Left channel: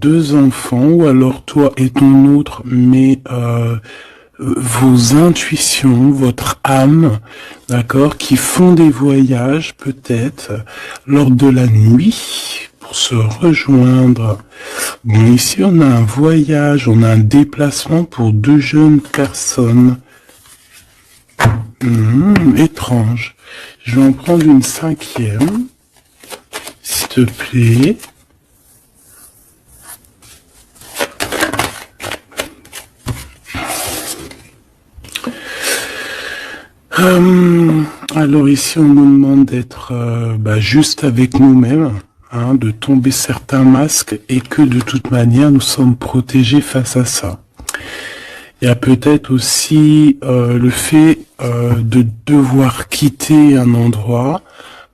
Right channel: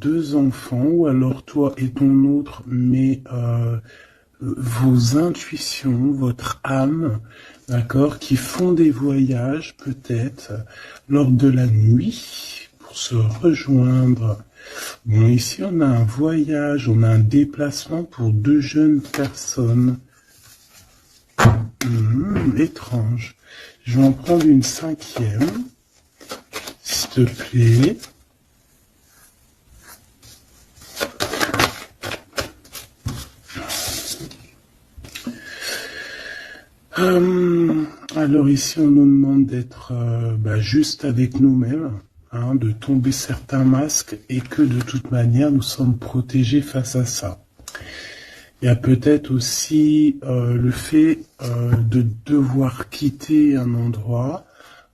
deux enfants, ou alors toi et ton autre, mais vos intuitions, votre âme, d'accord, qui font des voyages peut-être lors de la nuit pour se rejoindre. Bon, ici on a un voyage, on a un déplacement pour deux jeunes personnes. Étrange. Je vais en prendre une cinquième, s'il te plaît. Alors ici, on nous demande d'être juste avec nous-mêmes, hein, de tomber certains masques et que de toute manière, nous sommes protégés face à ça. Il y a peut-être aussi le fait de devoir quitter un endroit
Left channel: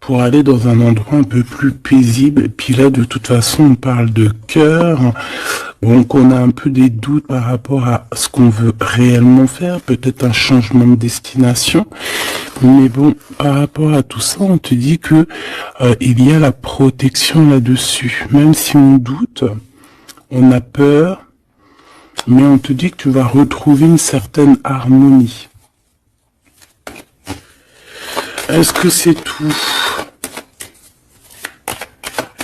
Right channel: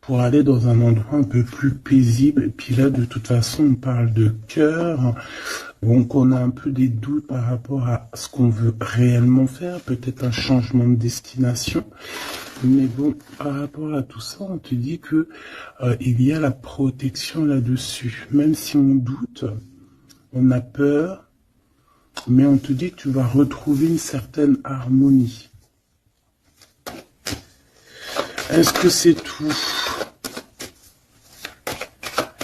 pour aller dans un endroit un peu plus paisible. Et puis là, de toute façon, on parle de cœur. Donc, on a un peu des doutes par rapport à ce qu'on veut réellement faire. Peut-être un changement de destination. Mais bon, par rapport à tout ça, on te dit que il y a la protection là-dessus. Même si on doute, on a peur, mais on te dit que tu vas retrouver une certaine harmonie. Est-ce que c'est tout?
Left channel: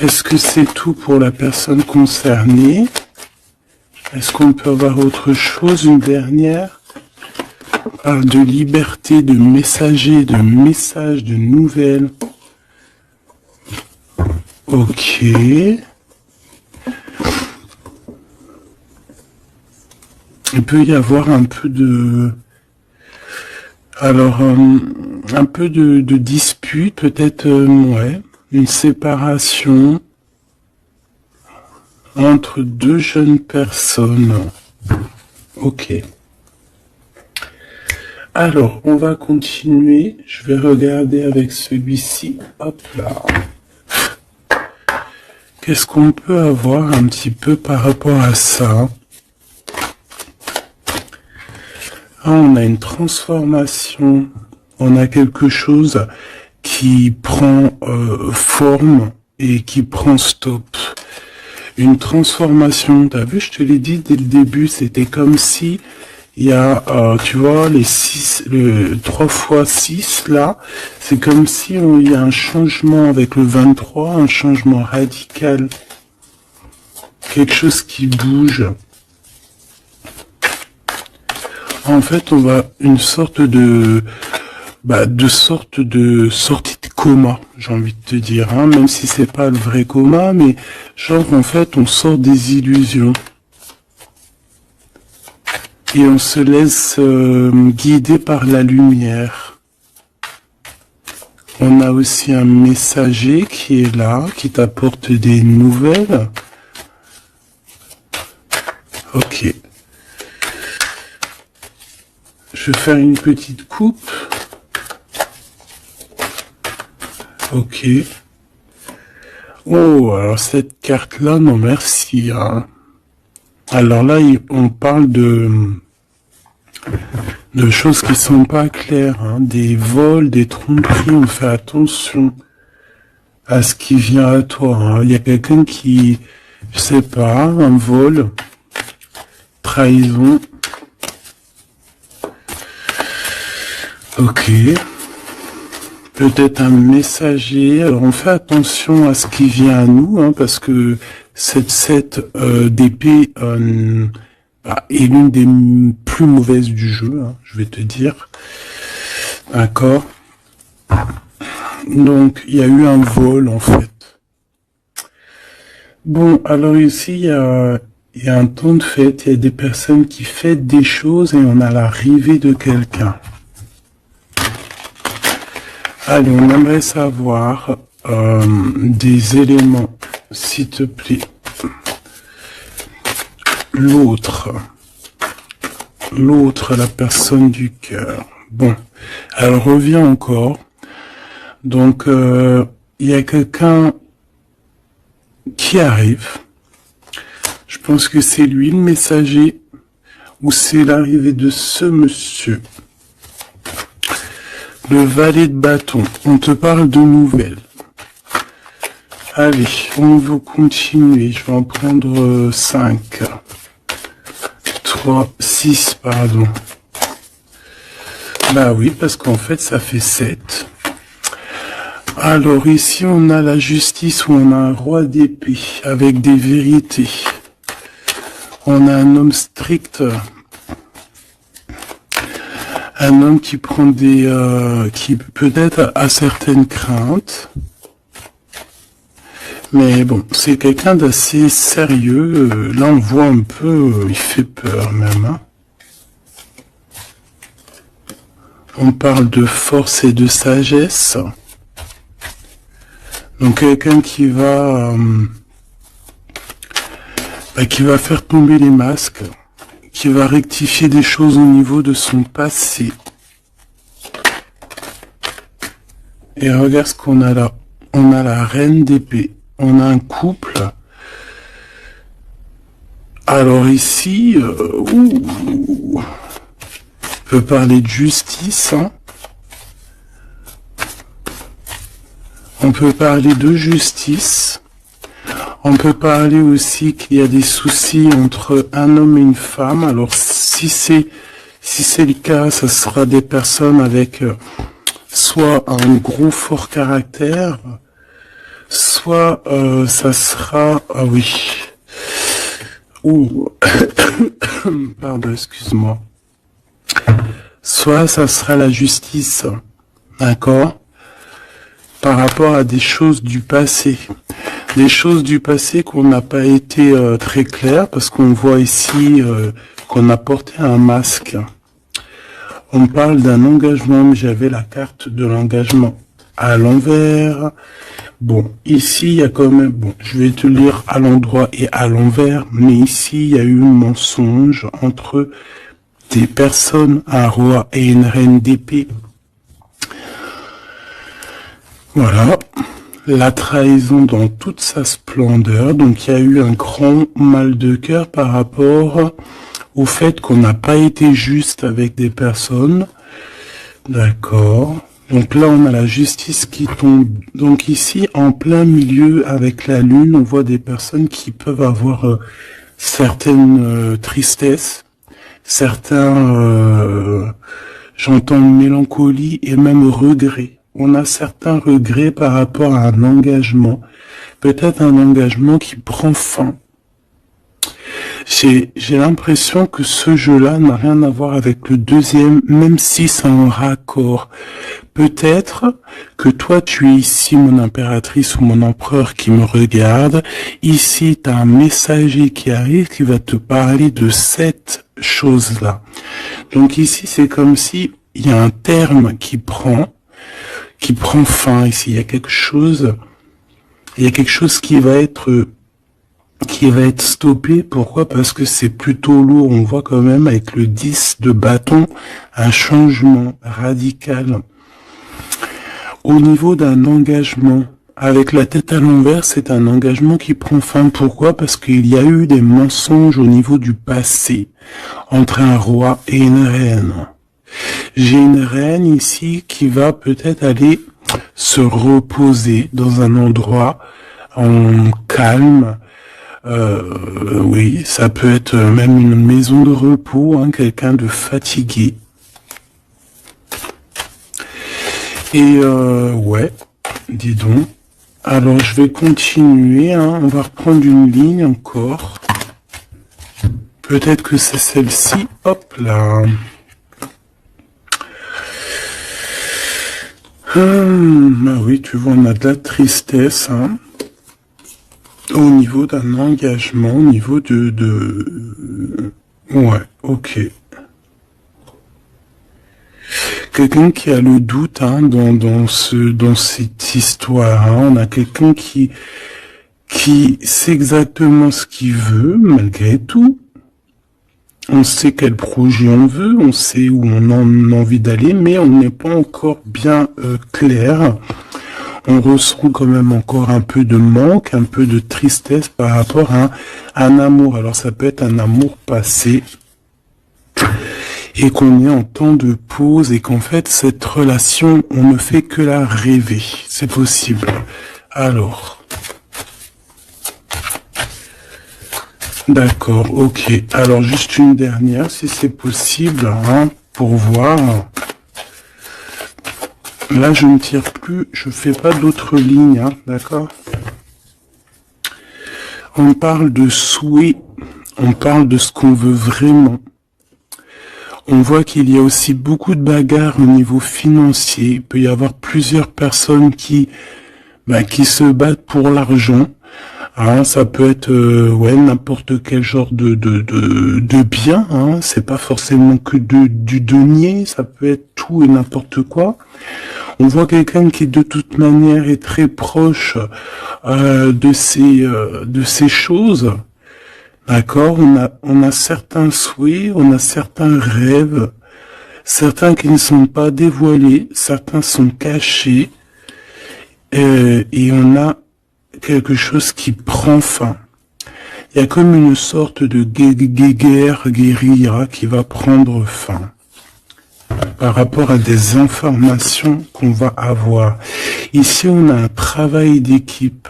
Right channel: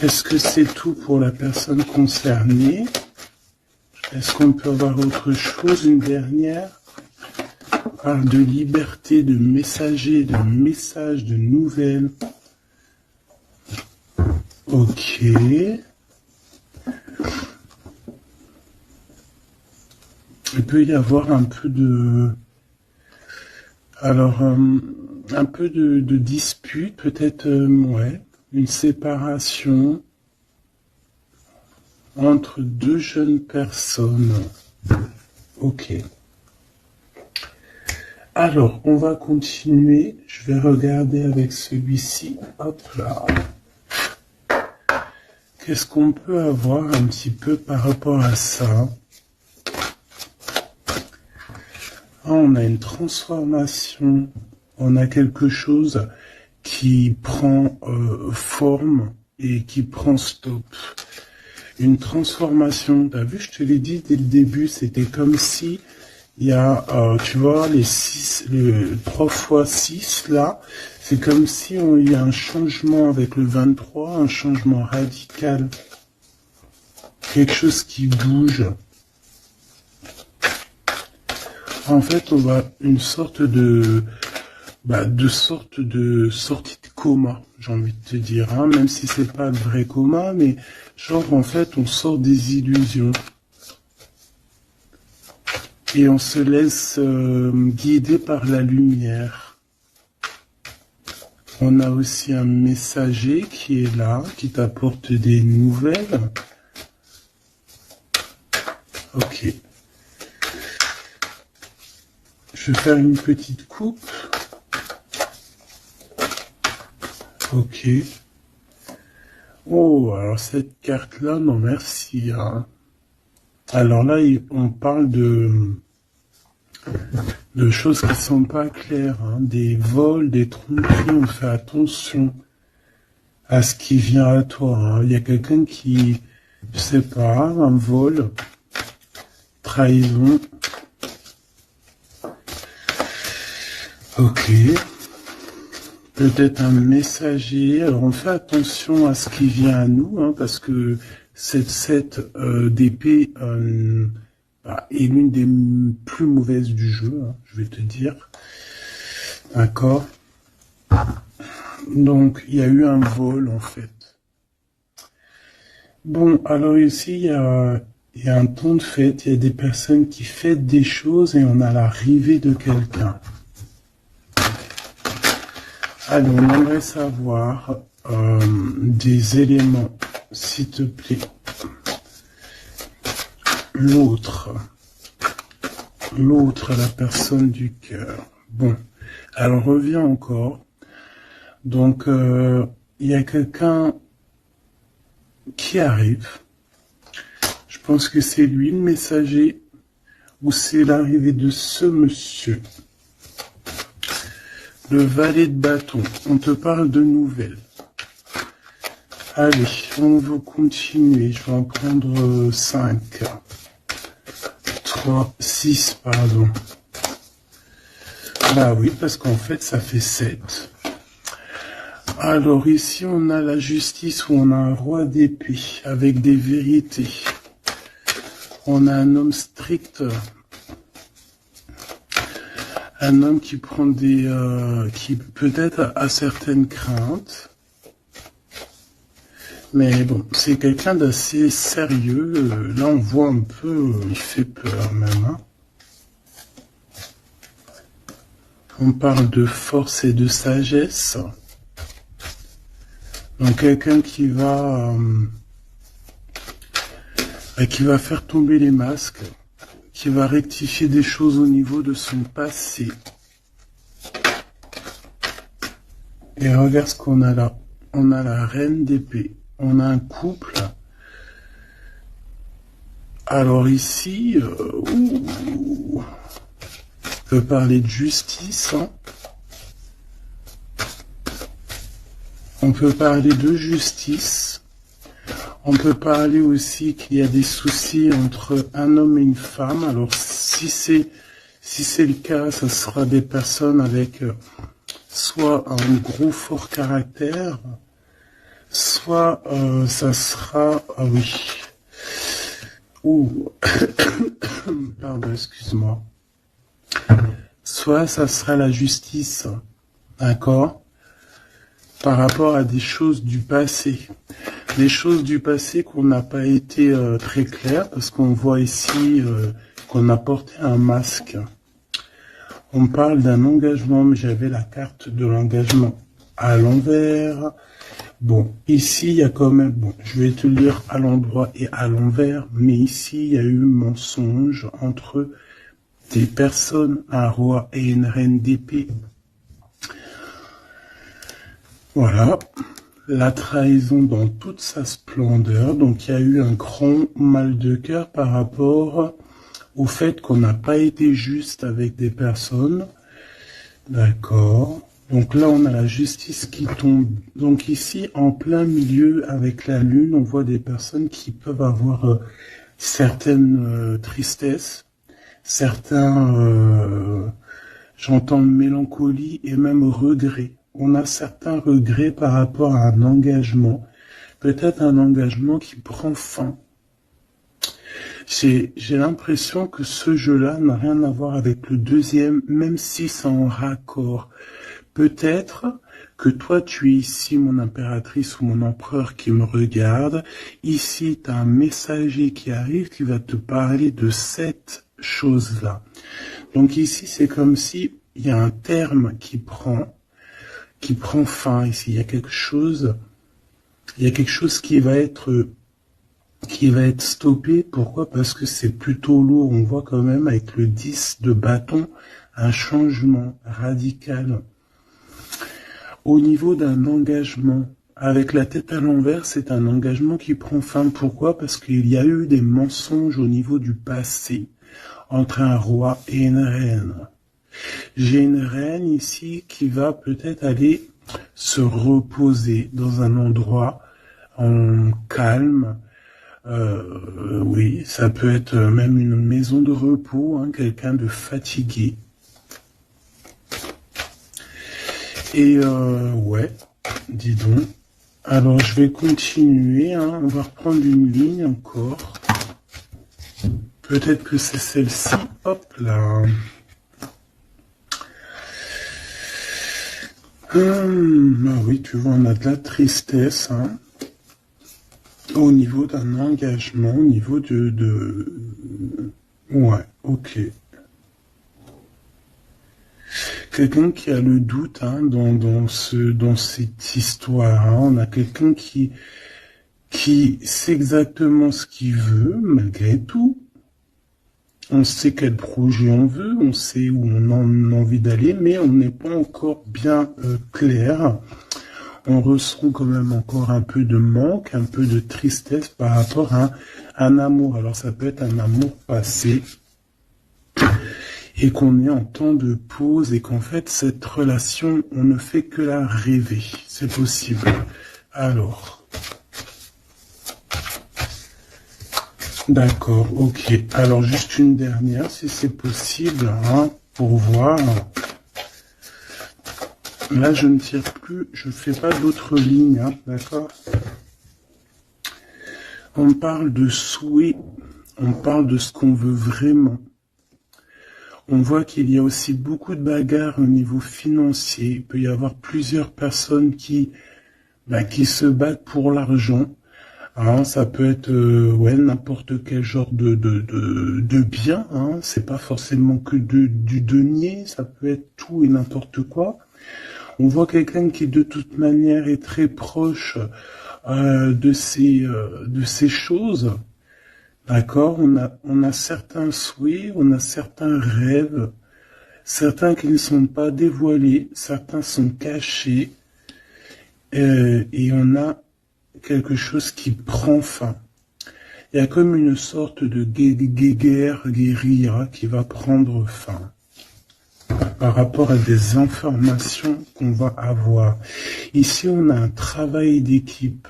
Est-ce que c'est tout pour la personne concernée? Est-ce qu'on peut avoir autre chose, une dernière? On parle de liberté, de messager, de messages, de nouvelles. Ok. Il peut y avoir un peu de... Alors, un peu de dispute, peut-être, ouais. Une séparation entre deux jeunes personnes. Ok. Alors, on va continuer. Je vais regarder avec celui-ci. Hop là. Qu'est-ce qu'on peut avoir un petit peu par rapport à ça? Ah, on a une transformation. On a quelque chose qui prend forme et qui prend stop. Une transformation, t'as vu, je te l'ai dit dès le début, c'était comme si il y a, tu vois, le 3 fois 6 là, c'est comme si il y a un changement avec le 23, un changement radical. Quelque chose qui bouge. En fait, on va une sorte de sortie de coma, j'ai envie de te dire, hein, même si c'est pas le vrai coma, mais genre en fait on sort des illusions et on se laisse guider par la lumière. On a aussi un messager qui est là, qui t'apporte des nouvelles. Ok. Je vais faire une petite coupe. Ok. Oh, alors cette carte-là, non merci. Hein. Alors là, on parle de choses qui sont pas claires. Hein. Des vols, des tromperies, on fait attention à ce qui vient à toi. Hein. Il y a quelqu'un qui, je sais pas, un vol, trahison. Ok. Peut-être un messager. Alors on fait attention à ce qui vient à nous, hein, parce que cette d'épée est l'une des plus mauvaises du jeu, hein, je vais te dire. D'accord. Donc il y a eu un vol en fait. Bon, alors ici il y a un temps de fête, il y a des personnes qui fêtent des choses et on a l'arrivée de quelqu'un. Allez, on aimerait savoir des éléments, s'il te plaît. L'autre, la personne du cœur. Bon, elle revient encore. Donc, il y a quelqu'un qui arrive. Je pense que c'est lui le messager ou c'est l'arrivée de ce monsieur. Le valet de bâton, on te parle de nouvelles. Allez, on va continuer. Je vais en prendre 5. 3, 6, pardon. Bah oui, parce qu'en fait, ça fait 7. Alors ici, on a la justice où on a un roi d'épée avec des vérités. On a un homme strict, un homme qui prend des, qui peut-être a certaines craintes. Mais bon, c'est quelqu'un d'assez sérieux. Là, on voit un peu, il fait peur même. Hein. On parle de force et de sagesse. Donc quelqu'un qui va faire tomber les masques, qui va rectifier des choses au niveau de son passé. Et regarde ce qu'on a là. On a la reine d'épée. On a un couple. Alors ici, on peut parler de justice. Hein. On peut parler de justice. On peut parler aussi qu'il y a des soucis entre un homme et une femme. Alors si c'est le cas, ça sera des personnes avec soit un gros fort caractère, soit ça sera... Ah oui. Ouh. Pardon, excuse-moi. Soit ça sera la justice. D'accord ? Par rapport à des choses du passé. Des choses du passé qu'on n'a pas été très clair, parce qu'on voit ici qu'on a porté un masque. On parle d'un engagement, mais j'avais la carte de l'engagement à l'envers. Bon, ici, il y a quand même... Bon, je vais te lire à l'endroit et à l'envers, mais ici, il y a eu un mensonge entre des personnes, un roi et une reine d'épée. Voilà, la trahison dans toute sa splendeur. Donc, il y a eu un grand mal de cœur par rapport au fait qu'on n'a pas été juste avec des personnes. D'accord. Donc là, on a la justice qui tombe. Donc ici, en plein milieu, avec la lune, on voit des personnes qui peuvent avoir certaines tristesses, certains, j'entends mélancolie et même regret. On a certains regrets par rapport à un engagement. Peut-être un engagement qui prend fin. J'ai l'impression que ce jeu-là n'a rien à voir avec le deuxième, même si c'est en raccord. Peut-être que toi, tu es ici, mon impératrice ou mon empereur qui me regarde. Ici, tu as un messager qui arrive qui va te parler de cette chose-là. Donc ici, c'est comme si il y a un terme qui prend fin ici. Il y a quelque chose qui va être stoppé. Pourquoi? Parce que c'est plutôt lourd. On voit quand même avec le 10 de bâton un changement radical. Au niveau d'un engagement, avec la tête à l'envers, c'est un engagement qui prend fin. Pourquoi? Parce qu'il y a eu des mensonges au niveau du passé, entre un roi et une reine. J'ai une reine ici qui va peut-être aller se reposer dans un endroit en calme. Oui, ça peut être même une maison de repos, hein, quelqu'un de fatigué. Et ouais, dis donc. Alors je vais continuer, hein, on va reprendre une ligne encore. Peut-être que c'est celle-ci. Hop là. Ah oui, tu vois, on a de la tristesse, hein. Au niveau d'un engagement, au niveau de... Ouais, ok. Quelqu'un qui a le doute, hein, dans cette histoire, hein. On a quelqu'un qui sait exactement ce qu'il veut, malgré tout. On sait quel projet on veut, on sait où on a envie d'aller, mais on n'est pas encore bien clair. On ressent quand même encore un peu de manque, un peu de tristesse par rapport à un amour. Alors ça peut être un amour passé et qu'on est en temps de pause et qu'en fait cette relation, on ne fait que la rêver. C'est possible. Alors, D'accord, ok. Alors, juste une dernière, si c'est possible, hein, pour voir. Là, je ne tire plus, je fais pas d'autres lignes, hein, d'accord? On parle de souhait, on parle de ce qu'on veut vraiment. On voit qu'il y a aussi beaucoup de bagarres au niveau financier. Il peut y avoir plusieurs personnes qui se battent pour l'argent. Hein, ça peut être ouais, n'importe quel genre de bien. Hein. C'est pas forcément que du denier, ça peut être tout et n'importe quoi. On voit quelqu'un qui de toute manière est très proche de ces choses. D'accord, on a certains souhaits, on a certains rêves, certains qui ne sont pas dévoilés, certains sont cachés, et on a quelque chose qui prend fin. Il y a comme une sorte de guérilla qui va prendre fin par rapport à des informations qu'on va avoir. Ici, on a un travail d'équipe.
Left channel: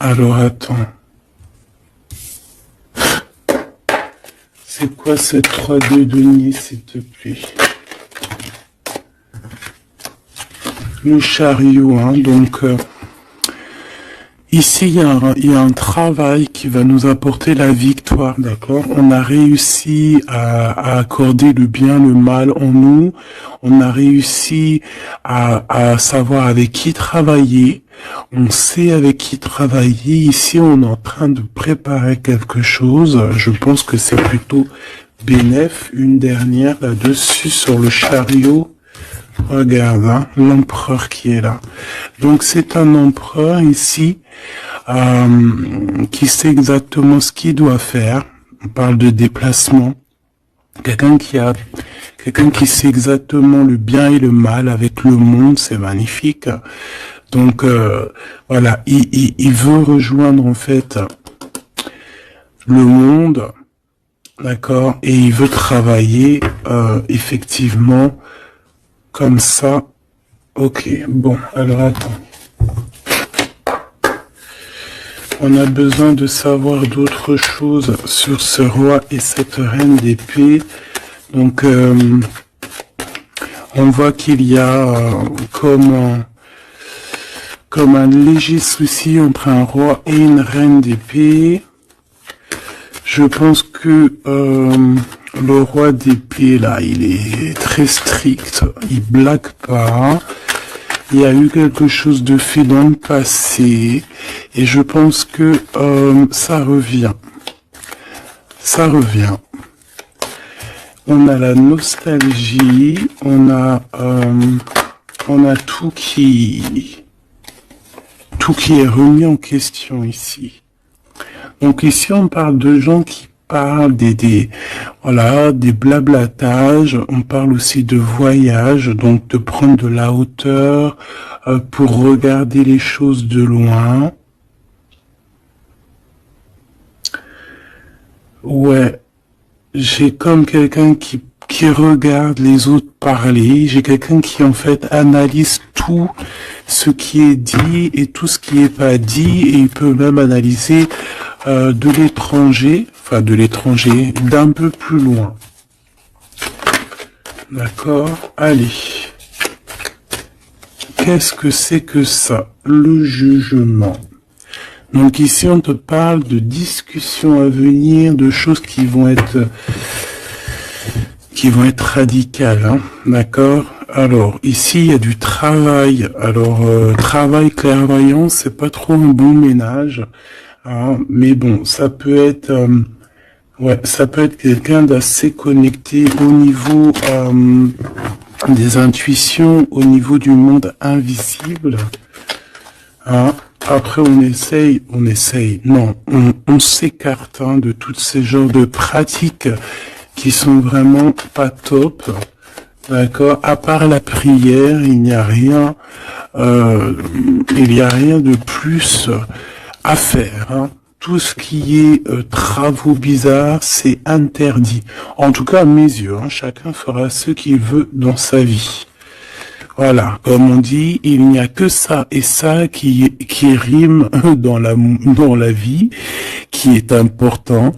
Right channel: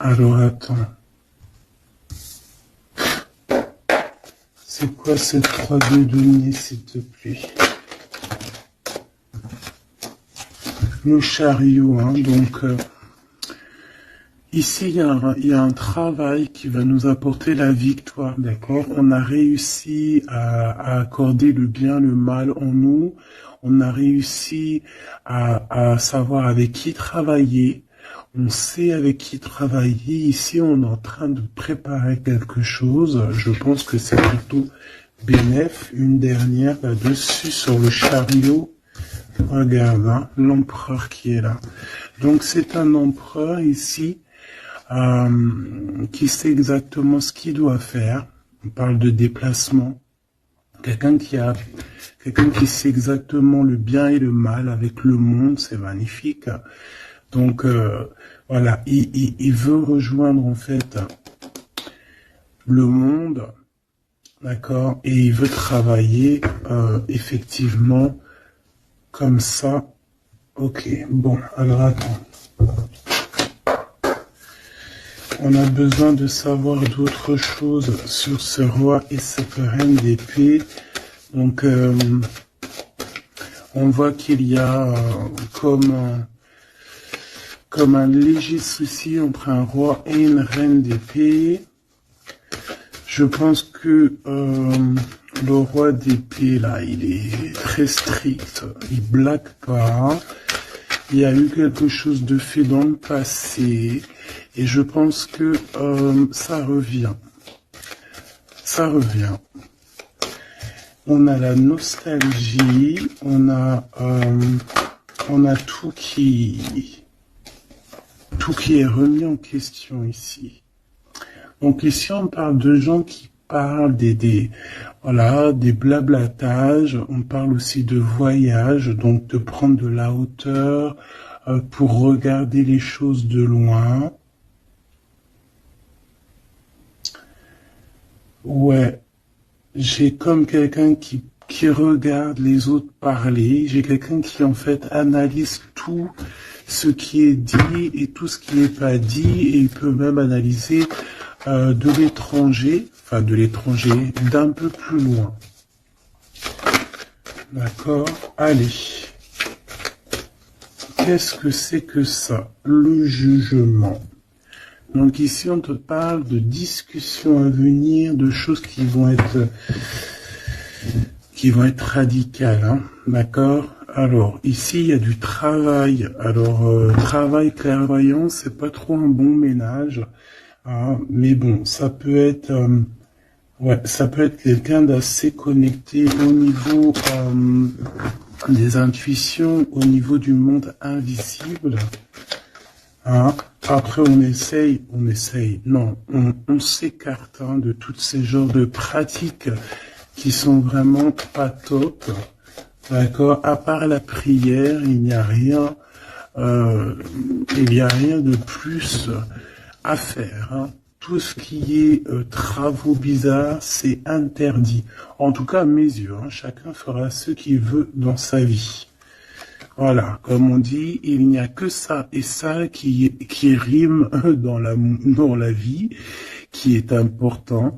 Alors, attends. C'est quoi cette 3D denier, s'il te plaît? Le chariot, hein, donc... ici, il y a un travail qui va nous apporter la victoire, d'accord? On a réussi à accorder le bien, le mal en nous. On a réussi à savoir avec qui travailler. On sait avec qui travailler. Ici, on est en train de préparer quelque chose. Je pense que c'est plutôt bénéf. Une dernière là-dessus sur le chariot. Regarde, hein, l'empereur qui est là. Donc, c'est un empereur ici qui sait exactement ce qu'il doit faire. On parle de déplacement. Quelqu'un qui sait exactement le bien et le mal avec le monde, c'est magnifique. Donc voilà, il veut rejoindre en fait le monde, d'accord, et il veut travailler effectivement comme ça. Ok, bon, alors attends. On a besoin de savoir d'autres choses sur ce roi et cette reine d'épée. Donc, on voit qu'il y a comme un léger souci entre un roi et une reine d'épée. Je pense que le roi d'épée, là, il est très strict. Il blague pas. Il y a eu quelque chose de fait dans le passé. Et je pense que ça revient. Ça revient. On a la nostalgie. On a tout qui est remis en question ici. Donc ici, on parle de gens qui parlent des blablatages. On parle aussi de voyage, donc de prendre de la hauteur pour regarder les choses de loin. Ouais, j'ai comme quelqu'un qui regarde les autres parler. J'ai quelqu'un qui en fait analyse tout ce qui est dit et tout ce qui est pas dit, et il peut même analyser de l'étranger, d'un peu plus loin. D'accord? Allez. Qu'est-ce que c'est que ça? Le jugement. Donc ici, on te parle de discussions à venir, de choses qui vont être radicales, hein, d'accord? Alors, ici, il y a du travail. Alors, travail clairvoyant, c'est pas trop un bon ménage, hein, mais bon, ça peut être quelqu'un d'assez connecté au niveau des intuitions, au niveau du monde invisible. Hein. Après, on s'écarte de tous ces genres de pratiques qui sont vraiment pas top. D'accord. À part la prière, il n'y a rien de plus à faire. Hein. Tout ce qui est travaux bizarres, c'est interdit. En tout cas, à mes yeux, hein, chacun fera ce qu'il veut dans sa vie. Voilà, comme on dit, il n'y a que ça et ça qui rime dans la vie, qui est important.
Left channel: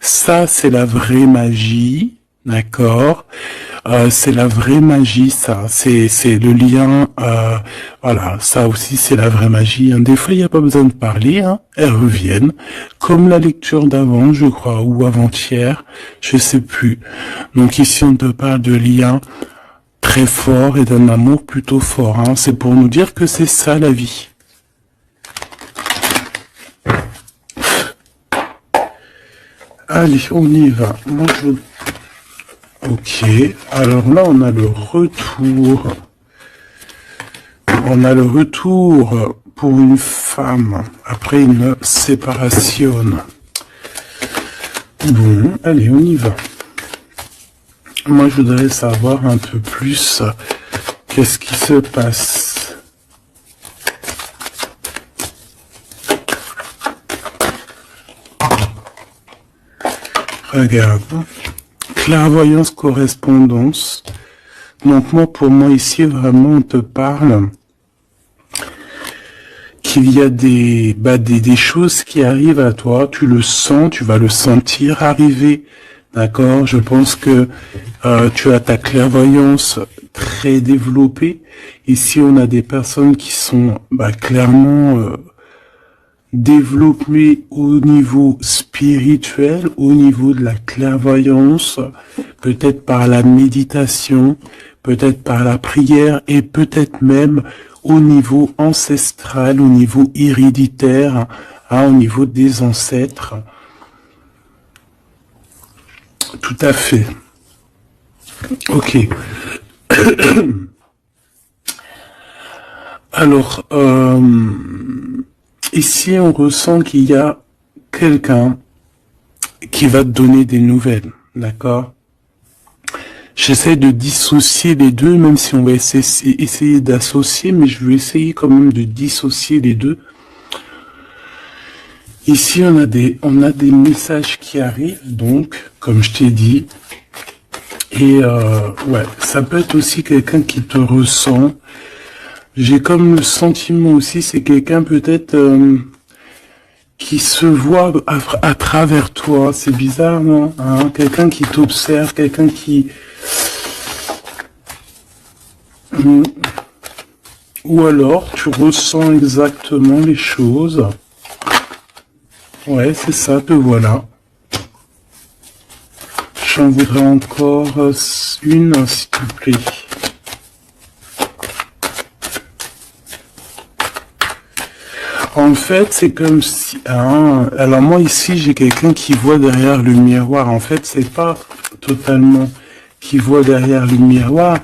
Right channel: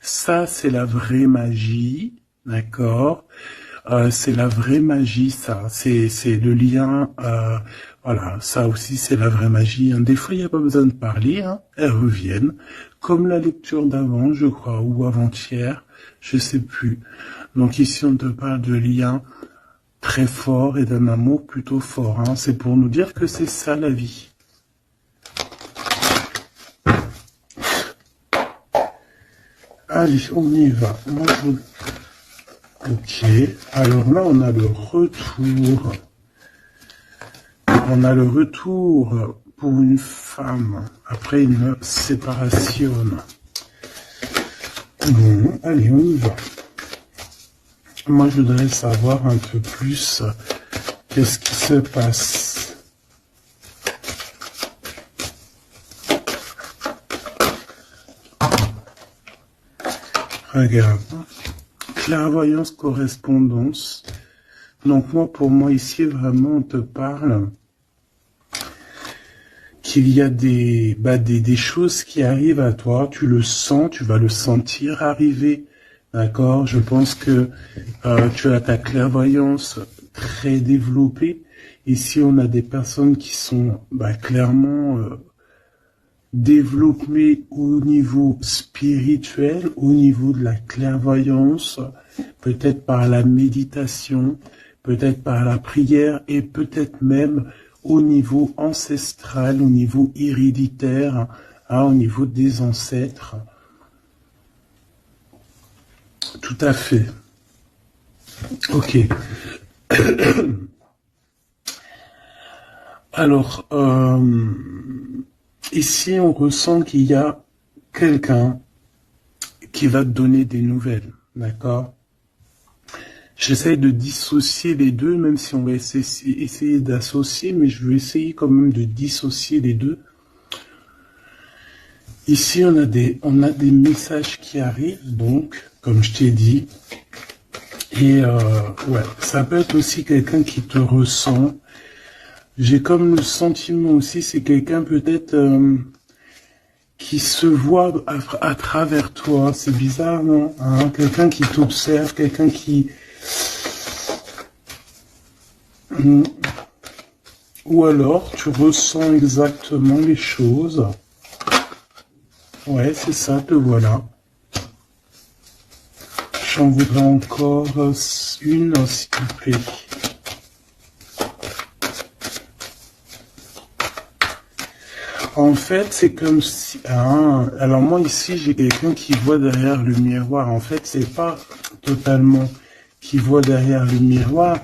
Ça, c'est la vraie magie, d'accord? C'est la vraie magie, ça. C'est le lien. Voilà, ça aussi, c'est la vraie magie. Hein. Des fois, il n'y a pas besoin de parler. Hein. Elles reviennent, comme la lecture d'avant, je crois, ou avant-hier, je sais plus. Donc ici, on te parle de lien très fort et d'un amour plutôt fort. Hein. C'est pour nous dire que c'est ça la vie. Allez, on y va. Moi, Ok, alors là, on a le retour. On a le retour pour une femme après une séparation. Bon, allez, on y va. Moi, je voudrais savoir un peu plus qu'est-ce qui se passe. Regarde. Clairvoyance, correspondance. Donc moi, pour moi, ici, vraiment, on te parle qu'il y a des choses qui arrivent à toi. Tu le sens, tu vas le sentir arriver. D'accord? Je pense que tu as ta clairvoyance très développée. Ici, on a des personnes qui sont clairement développées au niveau spirituel, au niveau de la clairvoyance, peut-être par la méditation, peut-être par la prière et peut-être même au niveau ancestral, au niveau héréditaire, au niveau des ancêtres. Tout à fait. Ok. Alors, ici, on ressent qu'il y a quelqu'un qui va te donner des nouvelles, d'accord? J'essaie de dissocier les deux, même si on va essayer d'associer, mais je vais essayer quand même de dissocier les deux. Ici, on a des messages qui arrivent, donc, comme je t'ai dit. Et ouais, ça peut être aussi quelqu'un qui te ressent. J'ai comme le sentiment aussi, c'est quelqu'un peut-être qui se voit à travers toi. C'est bizarre, non? Hein, quelqu'un qui t'observe, quelqu'un qui... Ou alors, tu ressens exactement les choses. Ouais, c'est ça, te voilà. J'en voudrais encore une, s'il te plaît. En fait, c'est comme si... Hein, alors moi, ici, j'ai quelqu'un qui voit derrière le miroir. En fait, c'est pas totalement qui voit derrière le miroir,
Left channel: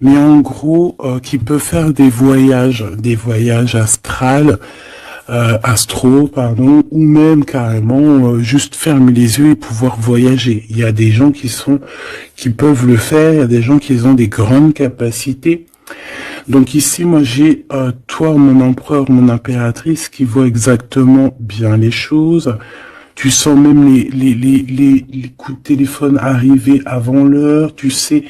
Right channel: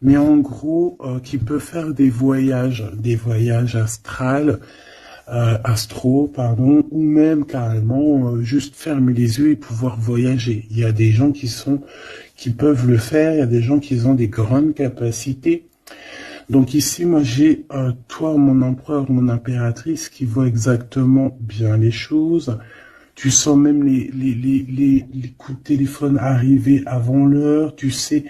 mais en gros, qui peut faire des voyages astro, pardon, ou même carrément juste fermer les yeux et pouvoir voyager. Il y a des gens qui peuvent le faire, il y a des gens qui ont des grandes capacités. Donc ici, moi j'ai toi, mon empereur, mon impératrice, qui voit exactement bien les choses. Tu sens même les coups de téléphone arriver avant l'heure. Tu sais,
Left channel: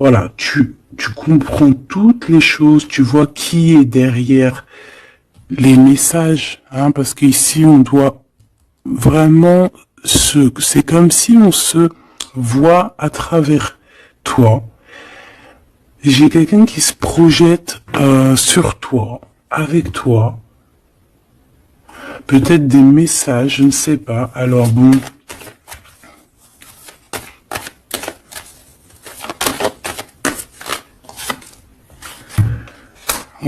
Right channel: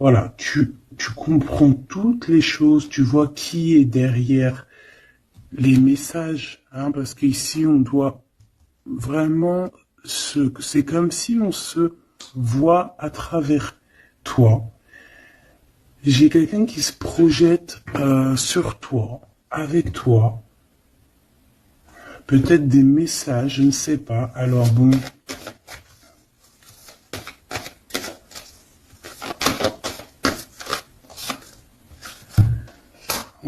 voilà, tu comprends toutes les choses. Tu vois qui est derrière les messages, hein, parce qu'ici on doit vraiment c'est comme si on se voit à travers toi. J'ai quelqu'un qui se projette sur toi, avec toi. Peut-être des messages, je ne sais pas. Alors bon.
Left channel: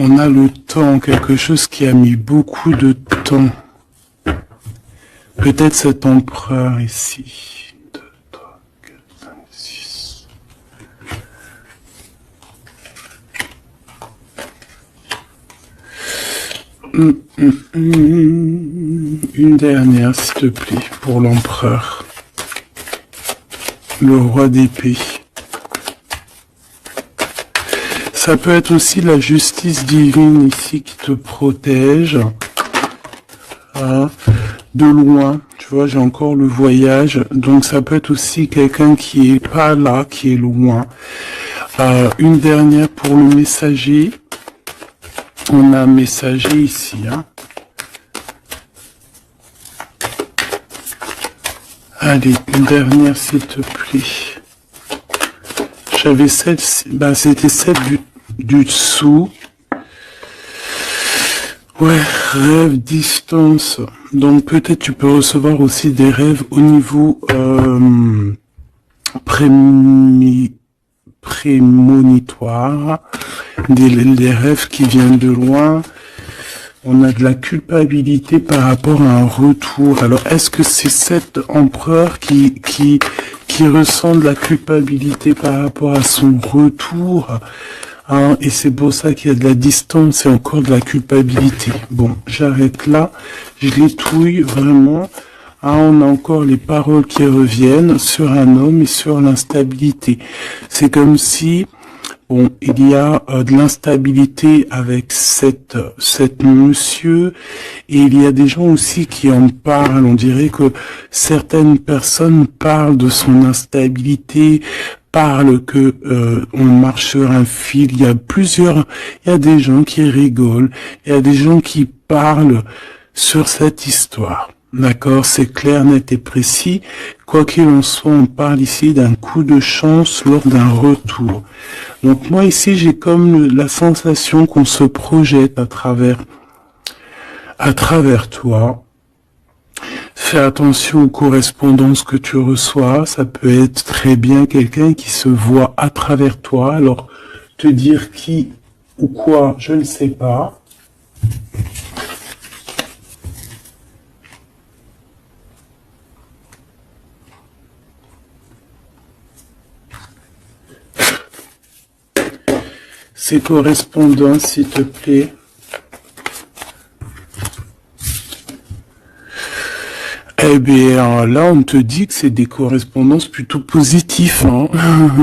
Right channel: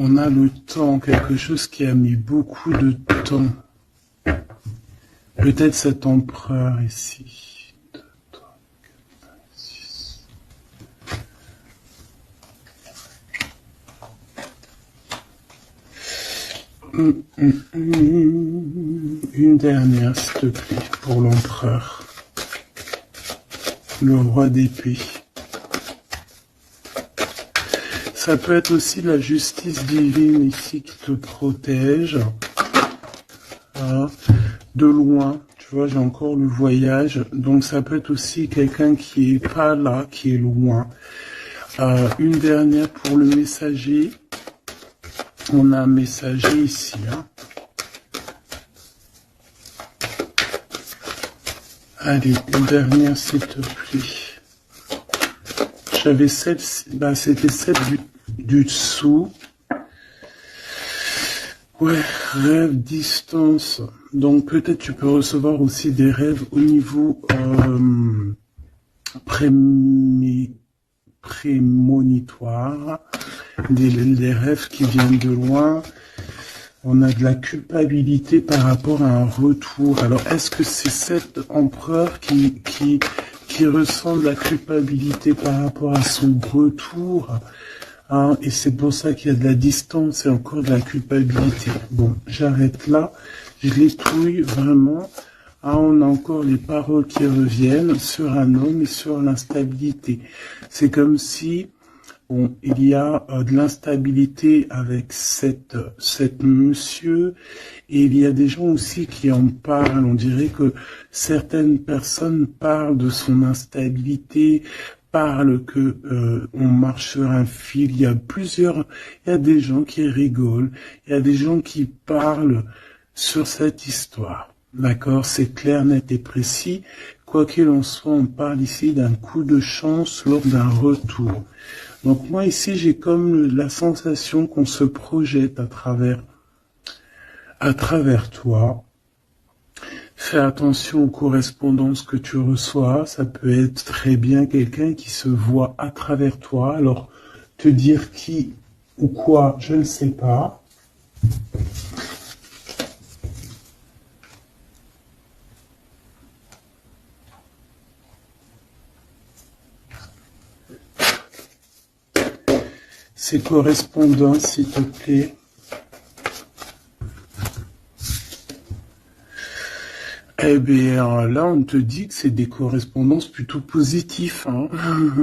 On a le temps, quelque chose qui a mis beaucoup de temps. Peut-être cet empereur ici. 2, 3, 4, 5, 6. Une dernière, s'il te plaît, pour l'empereur. Le roi d'épée. Ça peut être aussi la justice divine ici qui te protège. Hein, de loin, tu vois, j'ai encore le voyage. Donc ça peut être aussi quelqu'un qui est pas là, qui est loin. Une dernière pour le messager. On a un messager ici. Hein. Allez, une dernière s'il te plaît. J'avais celle-ci. C'était celle du dessous. Ouais, rêve, distance. Donc peut-être tu peux recevoir aussi des rêves au niveau prémonitoire, des rêves qui viennent de loin. On a de la culpabilité par rapport à un retour. Alors est-ce que c'est cet empereur qui ressent de la culpabilité par rapport à son retour? Ah, et c'est pour ça qu'il y a de la distance et encore de la culpabilité. Bon, j'arrête là. Je l'étouille vraiment. Ah, on a encore les paroles qui reviennent sur un homme et sur l'instabilité. C'est comme si, bon, il y a de l'instabilité avec cette monsieur, et il y a des gens aussi qui en parlent. On dirait que certaines personnes parlent de son instabilité, parlent que on marche sur un fil. Il y a des gens qui rigolent, il y a des gens qui parlent sur cette histoire. D'accord, c'est clair, net et précis. Quoi qu'il en soit, on parle ici d'un coup de chance lors d'un retour. Donc moi ici, j'ai comme la sensation qu'on se projette à travers toi. Fais attention aux correspondances que tu reçois. Ça peut être très bien quelqu'un qui se voit à travers toi. Alors, te dire qui ou quoi, je ne sais pas. Ces correspondances, s'il te plaît. Eh bien, là, on te dit que c'est des correspondances plutôt positives, hein.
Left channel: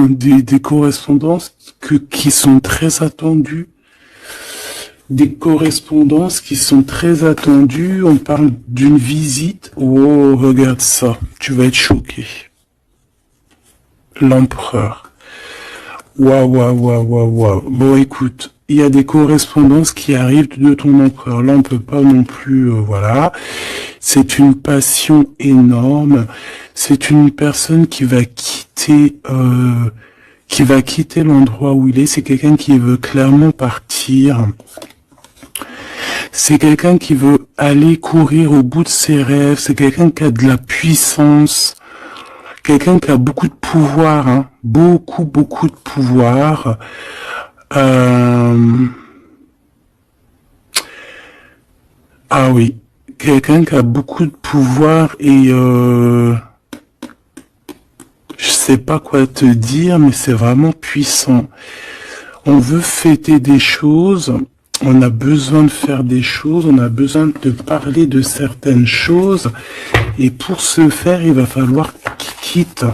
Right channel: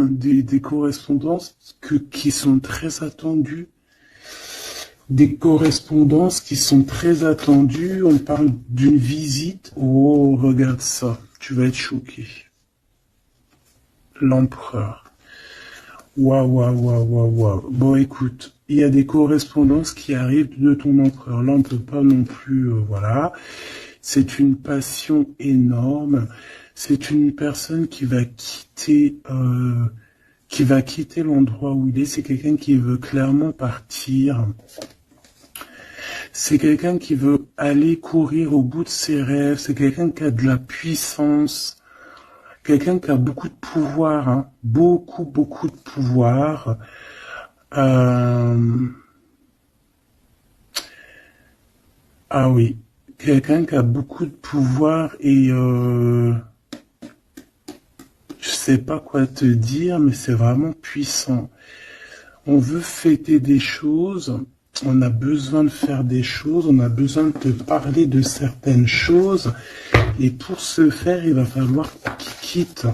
Des correspondances qui sont très attendues. Des correspondances qui sont très attendues. On parle d'une visite. Oh, regarde ça. Tu vas être choqué. L'empereur. Waouh. Bon, écoute, il y a des correspondances qui arrivent de ton empereur. Là, on peut pas non plus, voilà. C'est une passion énorme. C'est une personne qui va quitter l'endroit où il est. C'est quelqu'un qui veut clairement partir. C'est quelqu'un qui veut aller courir au bout de ses rêves. C'est quelqu'un qui a de la puissance. Quelqu'un qui a beaucoup de pouvoir, hein. Beaucoup de pouvoir. Ah oui, quelqu'un qui a beaucoup de pouvoir et je sais pas quoi te dire, mais c'est vraiment puissant. On veut fêter des choses, on a besoin de faire des choses, on a besoin de parler de certaines choses, et pour ce faire, il va falloir qu'il quitte.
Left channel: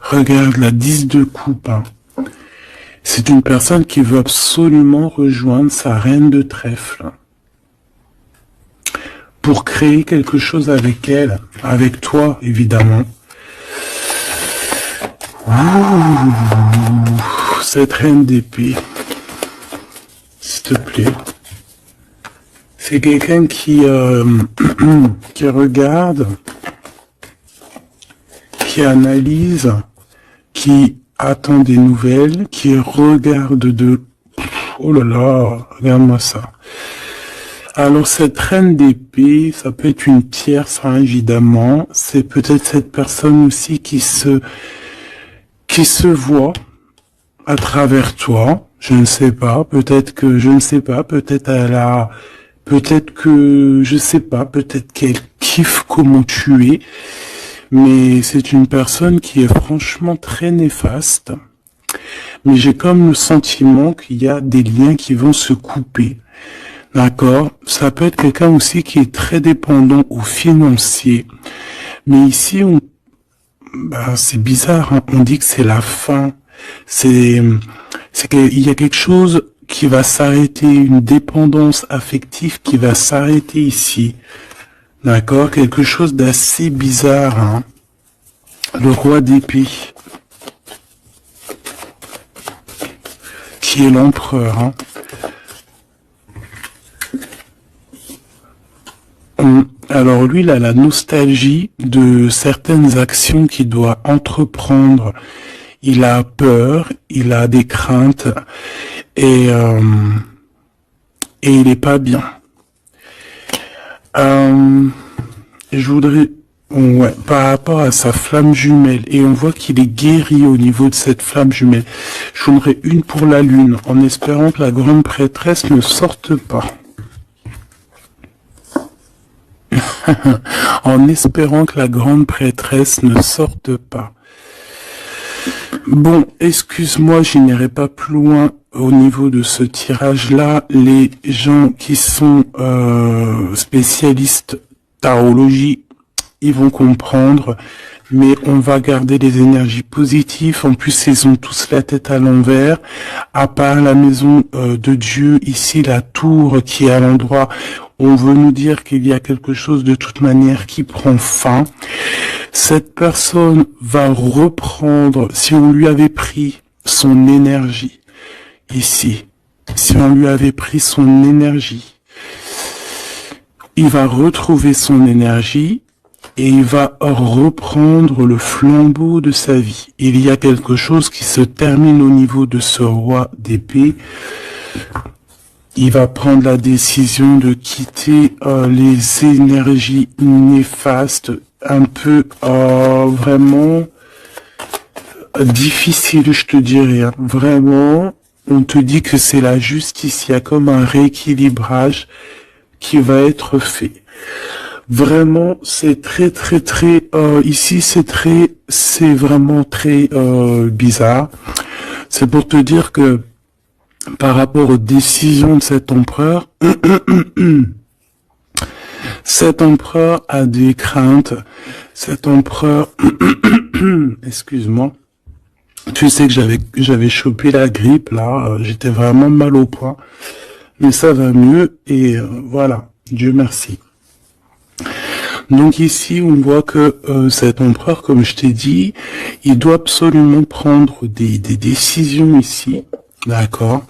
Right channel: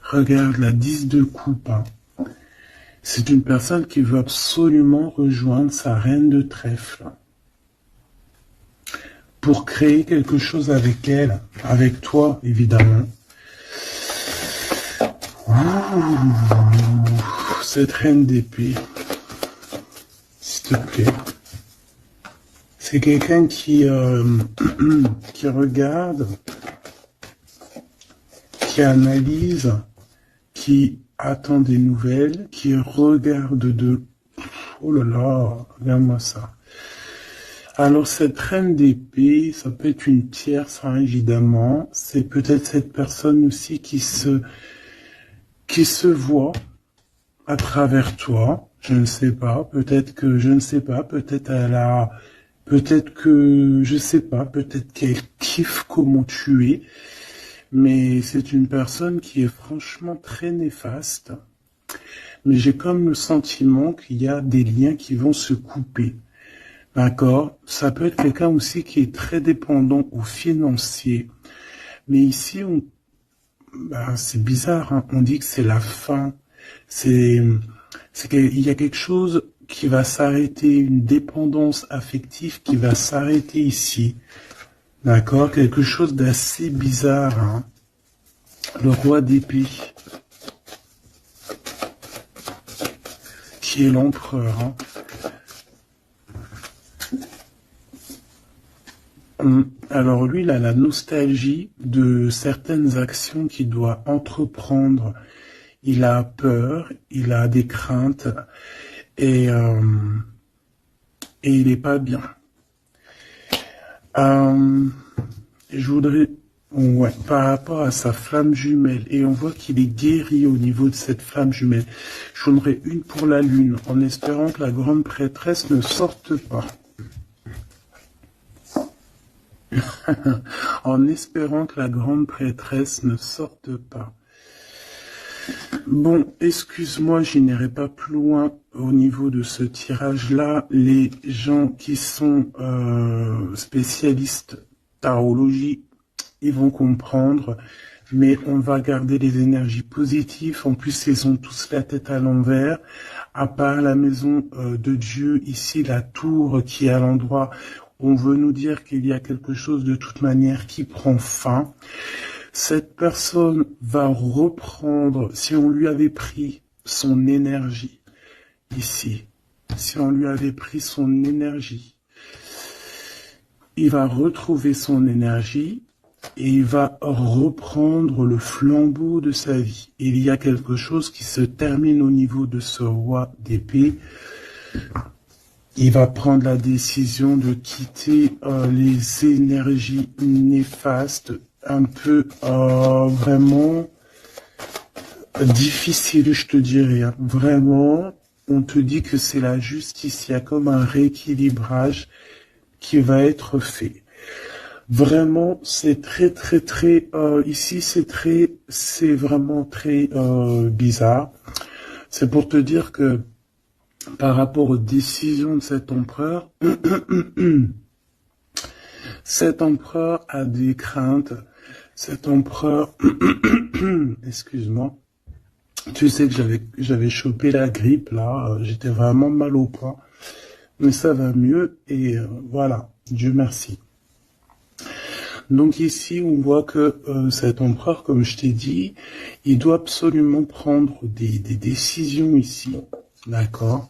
Regarde la 10 de coupe. Hein. C'est une personne qui veut absolument rejoindre sa reine de trèfle pour créer quelque chose avec elle, avec toi évidemment. Ouh, cette reine d'épée, s'il te plaît. C'est quelqu'un qui regarde, qui analyse, qui attend des nouvelles, qui regarde de... Oh là là, regarde-moi ça. Alors cette reine d'épée, ça peut être une tierce, hein, évidemment. C'est peut-être cette personne aussi qui se voit à travers toi. Je ne sais pas, peut-être qu'elle kiffe comment tu es. Mais c'est une personne qui est franchement très néfaste. Mais j'ai comme le sentiment qu'il y a des liens qui vont se couper. D'accord? Ça peut être quelqu'un aussi qui est très dépendant au financier. Mais ici, c'est bizarre, hein. On dit que c'est la fin. Il y a quelque chose qui va s'arrêter, une dépendance affective qui va s'arrêter ici. D'accord? Quelque chose d'assez bizarre, hein. le roi d'épée, qui est l'empereur. Alors lui, il a la nostalgie de certaines actions qu'il doit entreprendre. Il a peur, il a des craintes et il est pas bien. Je voudrais, ouais, par rapport à sa flamme jumelle, et on voit qu'il est guéri au niveau de cette flamme jumelle. Je voudrais une pour la lune, en espérant que la grande prêtresse ne sorte pas. En espérant que la grande prêtresse ne sorte pas. Bon, excuse-moi, je n'irai pas plus loin au niveau de ce tirage-là. Les gens qui sont spécialistes tarologie, ils vont comprendre, mais on va garder les énergies positives. En plus, ils ont tous la tête à l'envers. À part la maison de Dieu, ici, la tour qui est à l'endroit, on veut nous dire qu'il y a quelque chose de toute manière qui prend fin. Cette personne va reprendre, si on lui avait pris son énergie, ici, si on lui avait pris son énergie, il va retrouver son énergie et il va reprendre le flambeau de sa vie. Il y a quelque chose qui se termine au niveau de ce roi d'épée. Il va prendre la décision de quitter les énergies néfastes, un peu vraiment difficiles, je te dirais. Hein. Vraiment, on te dit que c'est la justice, il y a comme un rééquilibrage qui va être fait. Vraiment, c'est très, ici c'est vraiment très bizarre. C'est pour te dire que par rapport aux décisions de cet empereur, cet empereur a des craintes. Cet empereur, excuse-moi, tu sais que j'avais chopé la grippe là, j'étais vraiment mal au poids, mais ça va mieux et voilà, Dieu merci. Donc ici, on voit que cet empereur, comme je t'ai dit, il doit absolument prendre des décisions ici, d'accord?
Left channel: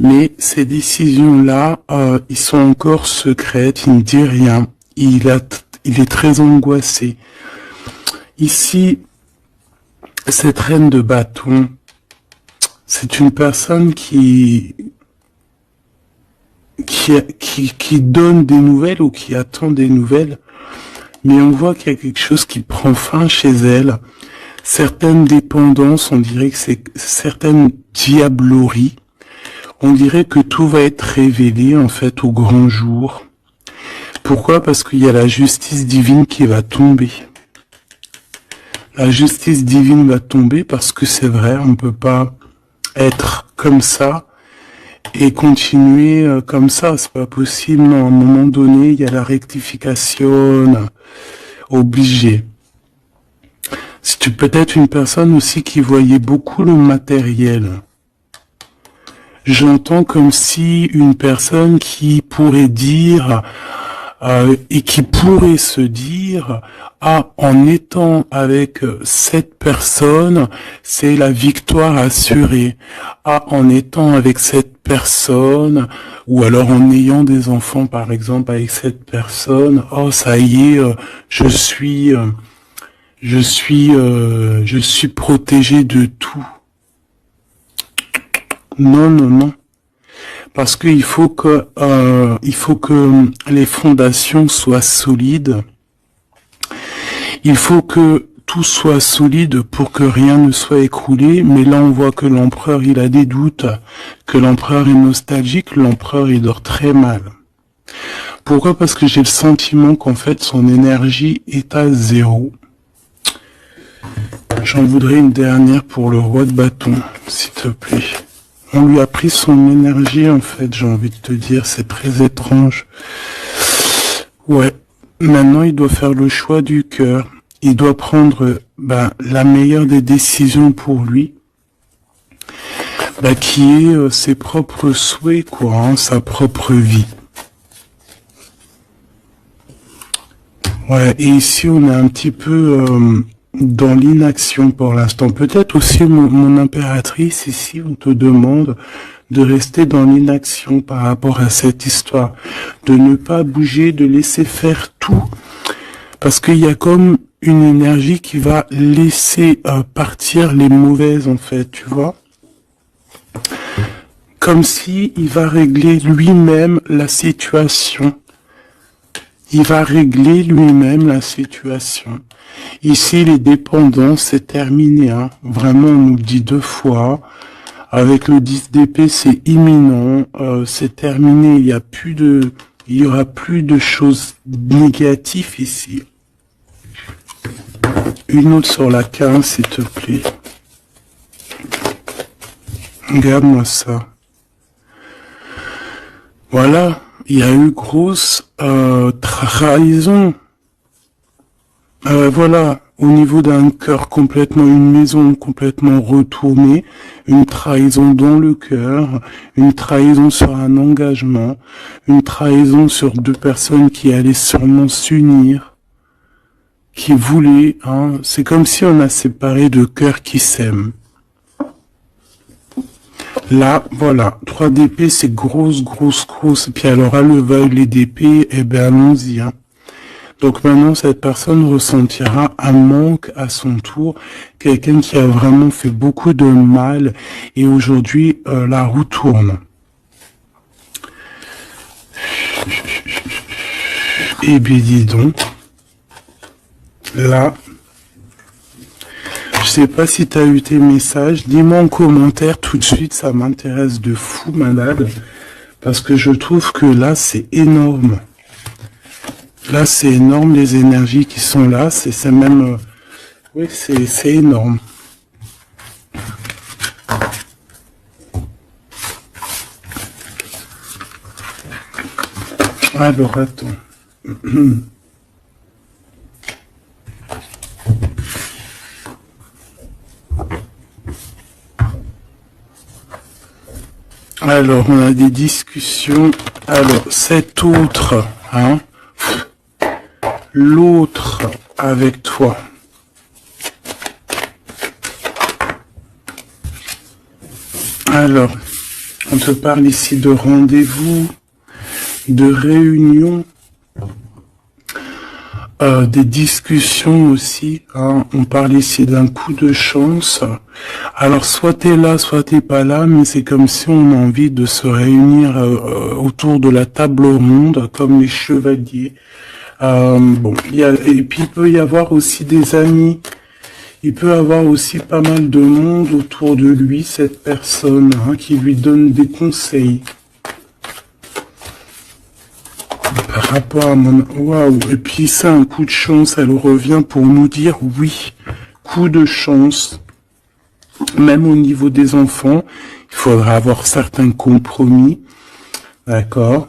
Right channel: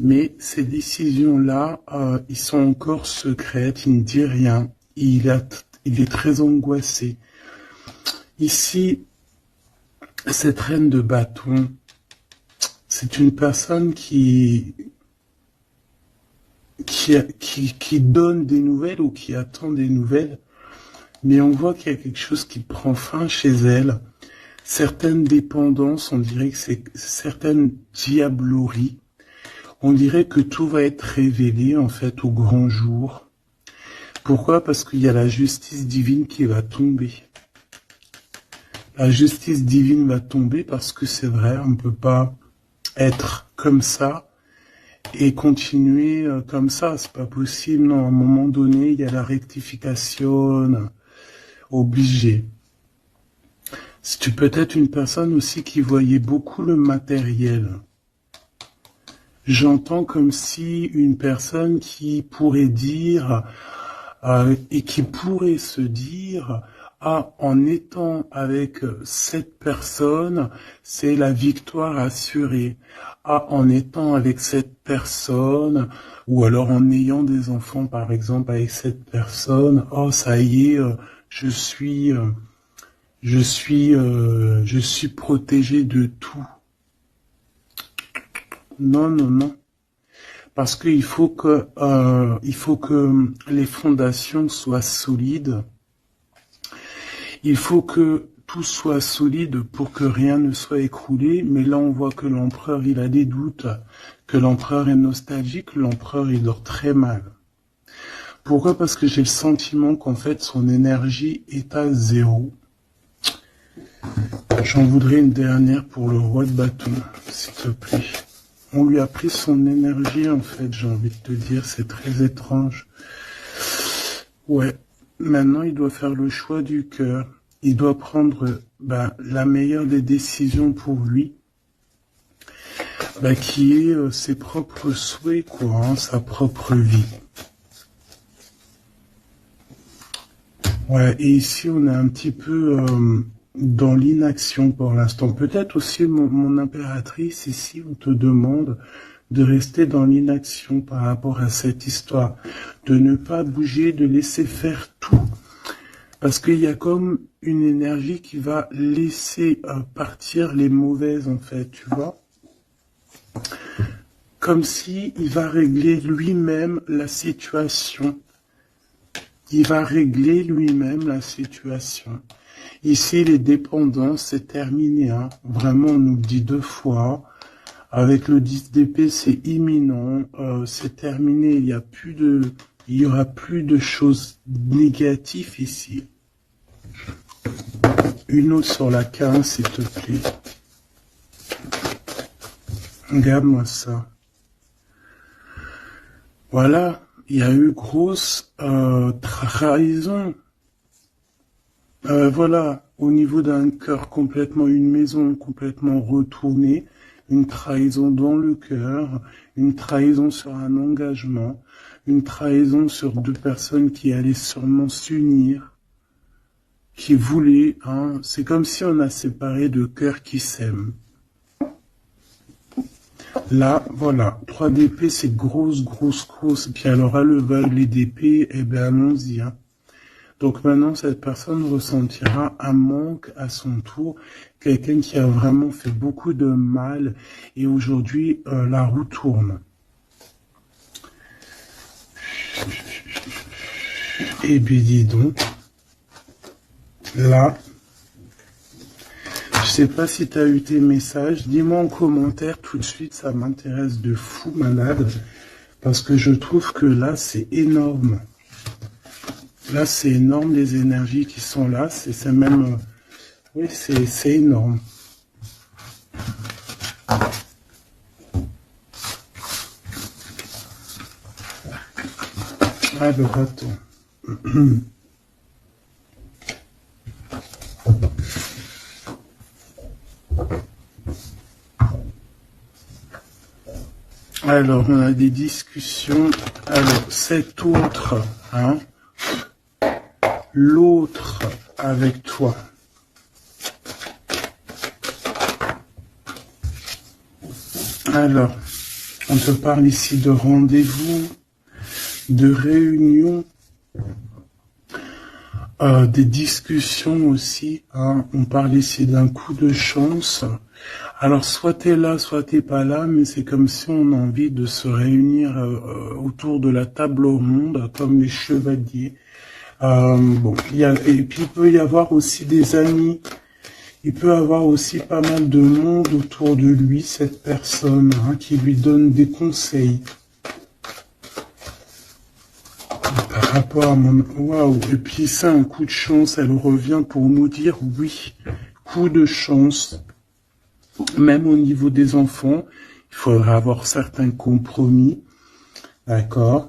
Mais ces décisions-là, ils sont encore secrètes, il ne dit rien, il est très angoissé. Ici, cette reine de bâton, c'est une personne qui donne des nouvelles ou qui attend des nouvelles, mais on voit qu'il y a quelque chose qui prend fin chez elle. Certaines dépendances, on dirait que c'est certaines diableries. On dirait que tout va être révélé en fait au grand jour. Pourquoi? Parce qu'il y a la justice divine qui va tomber. La justice divine va tomber parce que c'est vrai, on ne peut pas être comme ça et continuer comme ça. C'est pas possible. À un moment donné, il y a la rectification obligée. Si tu peux être une personne aussi qui voyait beaucoup le matériel. J'entends comme si une personne qui pourrait dire et qui pourrait se dire en étant avec cette personne, c'est la victoire assurée. En étant avec cette personne, ou alors en ayant des enfants par exemple avec cette personne, ça y est, je suis protégé de tout. Non. Parce qu'il faut que les fondations soient solides. Il faut que tout soit solide pour que rien ne soit écroulé. Mais là, on voit que l'empereur, il a des doutes, que l'empereur est nostalgique, l'empereur, il dort très mal. Pourquoi? Parce que j'ai le sentiment qu'en fait, son énergie est à zéro. J'en voudrais une dernière pour le roi de bâton, s'il te plaît. On lui a pris son énergie, en fait, j'ai envie de te dire, c'est très étrange. Ouais, maintenant il doit faire le choix du cœur. Il doit prendre la meilleure des décisions pour lui, qui est ses propres souhaits, quoi, sa propre vie. Ouais, et ici on a un petit peu dans l'inaction pour l'instant. Peut-être aussi mon impératrice, ici, on te demande de rester dans l'inaction par rapport à cette histoire, de ne pas bouger, de laisser faire tout, parce qu'il y a comme une énergie qui va laisser partir les mauvaises, en fait, tu vois, comme si il va régler lui-même la situation. Il va régler lui-même la situation. Ici, les dépendances, c'est terminé. Hein. Vraiment, on nous dit 2 fois. Avec le 10 d'épée, c'est imminent. C'est terminé. Il y aura plus de choses négatives ici. Une autre sur la 15, s'il te plaît. Regarde-moi ça. Voilà. Il y a eu grosse trahison. Voilà, au niveau d'un cœur complètement, une maison complètement retournée, une trahison dans le cœur, une trahison sur un engagement, une trahison sur 2 personnes qui allaient sûrement s'unir, qui voulaient, hein, c'est comme si on a séparé 2 cœurs qui s'aiment. Là, voilà, 3 d'épée, c'est grosse. Puis alors, à le valet d'épée, eh ben, allons-y, hein. Donc maintenant, cette personne ressentira un manque à son tour, quelqu'un qui a vraiment fait beaucoup de mal, et aujourd'hui, la roue tourne. Eh bien, dis donc, là, je sais pas si tu as eu tes messages, dis-moi en commentaire tout de suite, ça m'intéresse de fou malade, parce que je trouve que là, c'est énorme. Là, c'est énorme, les énergies qui sont là, c'est même... oui, c'est énorme. Alors, attends. Alors, on a des discussions. Alors, cet autre, hein, l'autre avec toi. Alors, on te parle ici de rendez-vous, de réunion, des discussions aussi. Hein. On parle ici d'un coup de chance. Alors, soit t'es là, soit t'es pas là, mais c'est comme si on a envie de se réunir autour de la table ronde, comme les chevaliers. Bon, et puis il peut y avoir aussi des amis. Il peut avoir aussi pas mal de monde autour de lui, cette personne, hein, qui lui donne des conseils. Par rapport à mon... Waouh. Et puis ça, un coup de chance, elle revient pour nous dire oui, coup de chance. Même au niveau des enfants, il faudra avoir certains compromis. D'accord.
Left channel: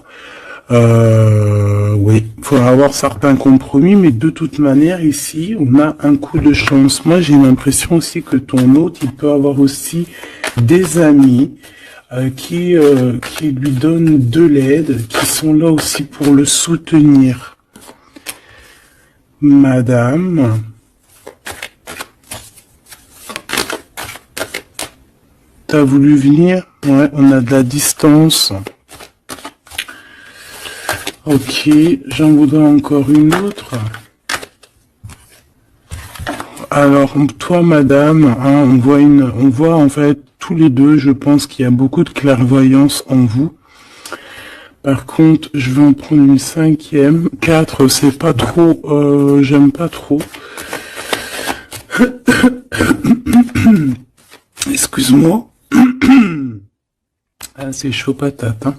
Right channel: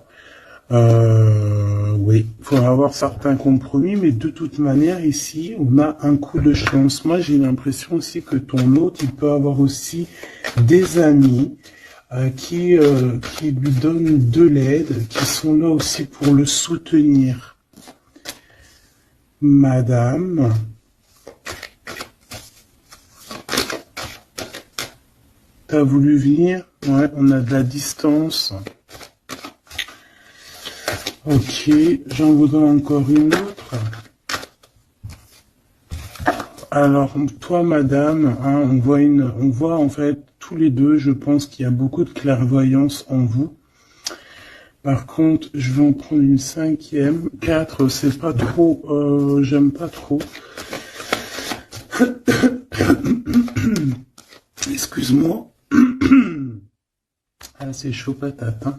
Oui, il faudra avoir certains compromis, mais de toute manière, ici, on a un coup de chance. Moi, j'ai l'impression aussi que ton hôte, il peut avoir aussi des amis qui lui donnent de l'aide, qui sont là aussi pour le soutenir. Madame, t'as voulu venir? Ouais, on a de la distance. Ok, j'en voudrais encore une autre. Alors, toi, madame, hein, on voit en fait tous les deux, je pense qu'il y a beaucoup de clairvoyance en vous. Par contre, je vais en prendre une 5e. 4, c'est pas trop, j'aime pas trop. Excuse-moi. Ah, c'est chaud patate, hein.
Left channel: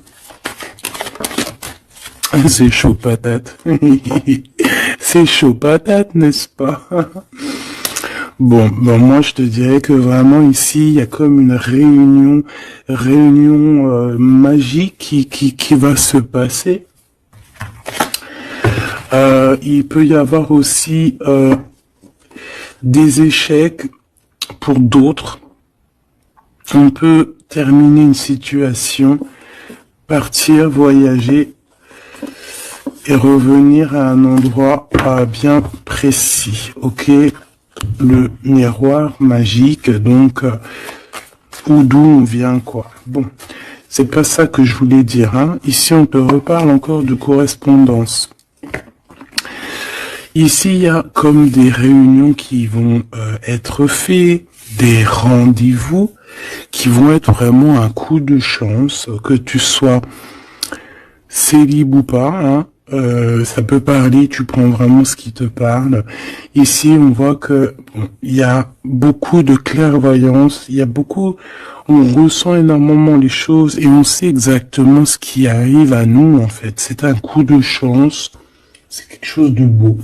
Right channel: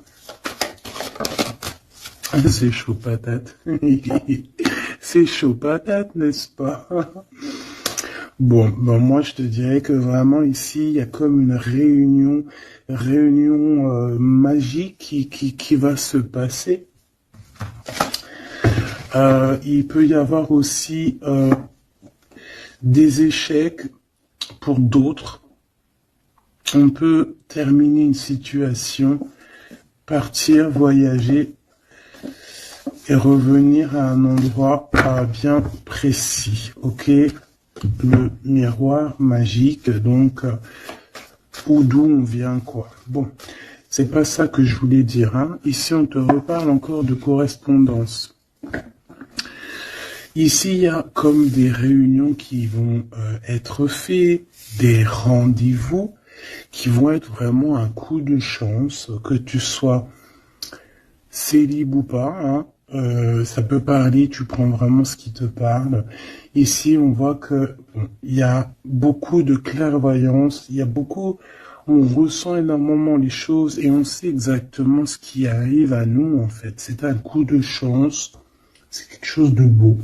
C'est chaud patate. C'est chaud patate, n'est-ce pas? Bon, moi je te dirais que vraiment ici, il y a comme une réunion magique qui va se passer. Il peut y avoir aussi des échecs pour d'autres. On peut terminer une situation, partir, voyager et revenir à un endroit bien précis, ok? le miroir magique, donc ou d'où on vient, quoi. Bon, c'est pas ça que je voulais dire, hein. Ici, on te reparle encore de correspondance. Ici, il y a comme des réunions qui vont être faites, des rendez-vous qui vont être vraiment un coup de chance, que tu sois célib ou pas, hein. Ça peut parler, tu prends vraiment ce qui te parle. Ici, on voit que bon, il y a beaucoup de clairvoyance, il y a beaucoup, on ressent énormément les choses et on sait exactement ce qui arrive à nous, en fait. C'est un coup de chance, c'est quelque chose de beau.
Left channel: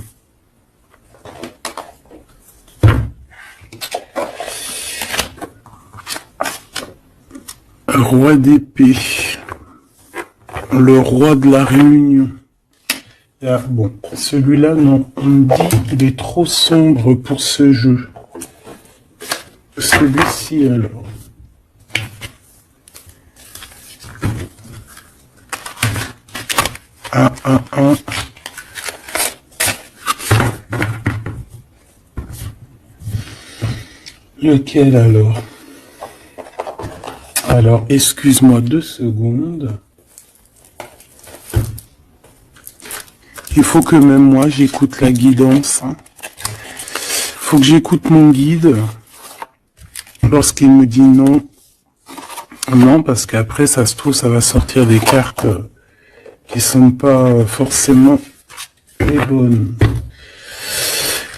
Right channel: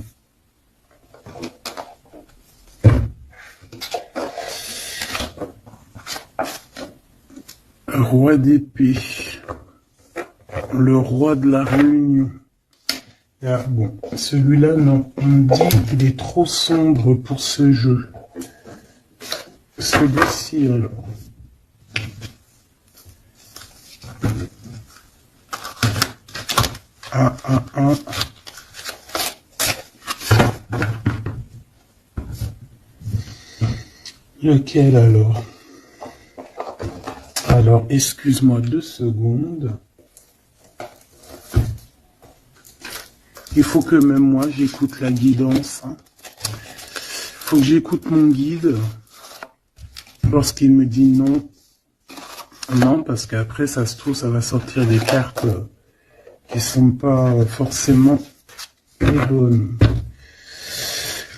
Roi d'épée, le roi de la réunion. Ah, bon, celui-là, non, on me dit qu'il est trop sombre pour ce jeu. Celui-ci, alors. Ah. Lequel, alors? Alors, excuse-moi 2 secondes. Il faut que même moi, j'écoute la guidance. Hein. Faut que j'écoute mon guide. Lorsqu'il me dit non. Non, parce qu'après, ça se trouve, ça va sortir des cartes qui sont pas forcément les bonnes.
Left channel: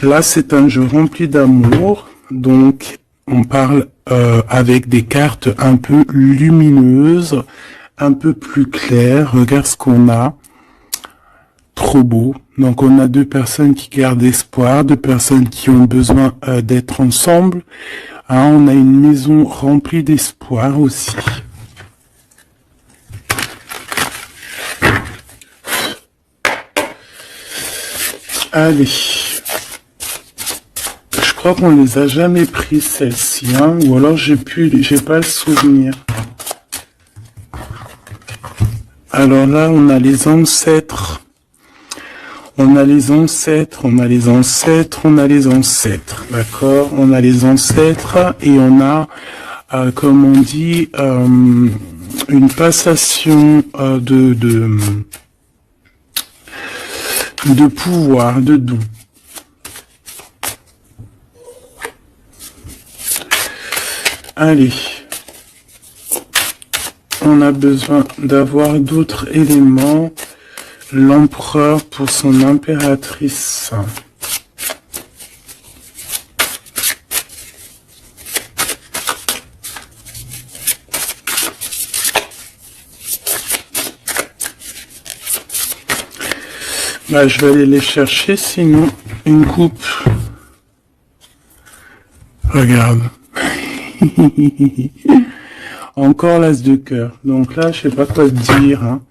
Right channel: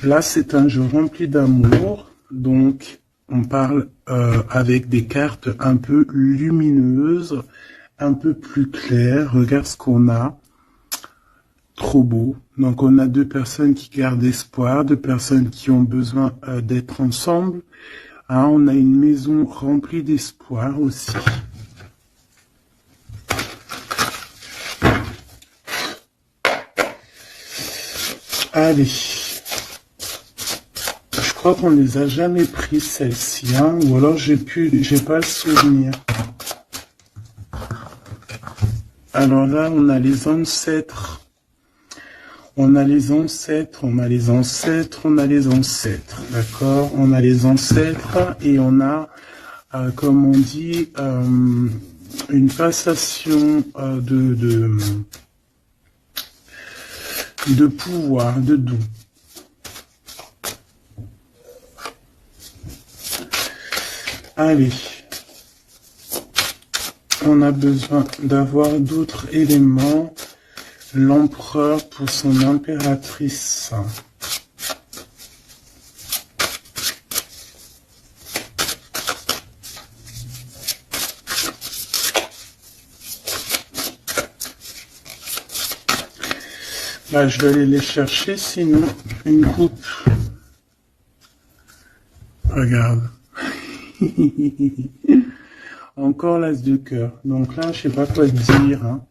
Là, c'est un jeu rempli d'amour. Donc, on parle avec des cartes un peu lumineuses, un peu plus claires. Regarde ce qu'on a. Trop beau. Donc on a 2 personnes qui gardent espoir, 2 personnes qui ont besoin d'être ensemble. Ah, on a une maison remplie d'espoir aussi. Allez. Je crois qu'on les a jamais pris celles-ci, hein, ou alors j'ai pas le souvenir. Alors là, on a les ancêtres. On a les ancêtres, on a les ancêtres, on a les ancêtres, d'accord? On a les ancêtres et on a, comme on dit, une passation de pouvoir, de don. Allez, on a besoin d'avoir d'autres éléments. L'empereur pour son impératrice. Bah, je vais aller les chercher, sinon une coupe. Regarde. Encore l'as de cœur. Donc là, je sais pas quoi te dire. Hein.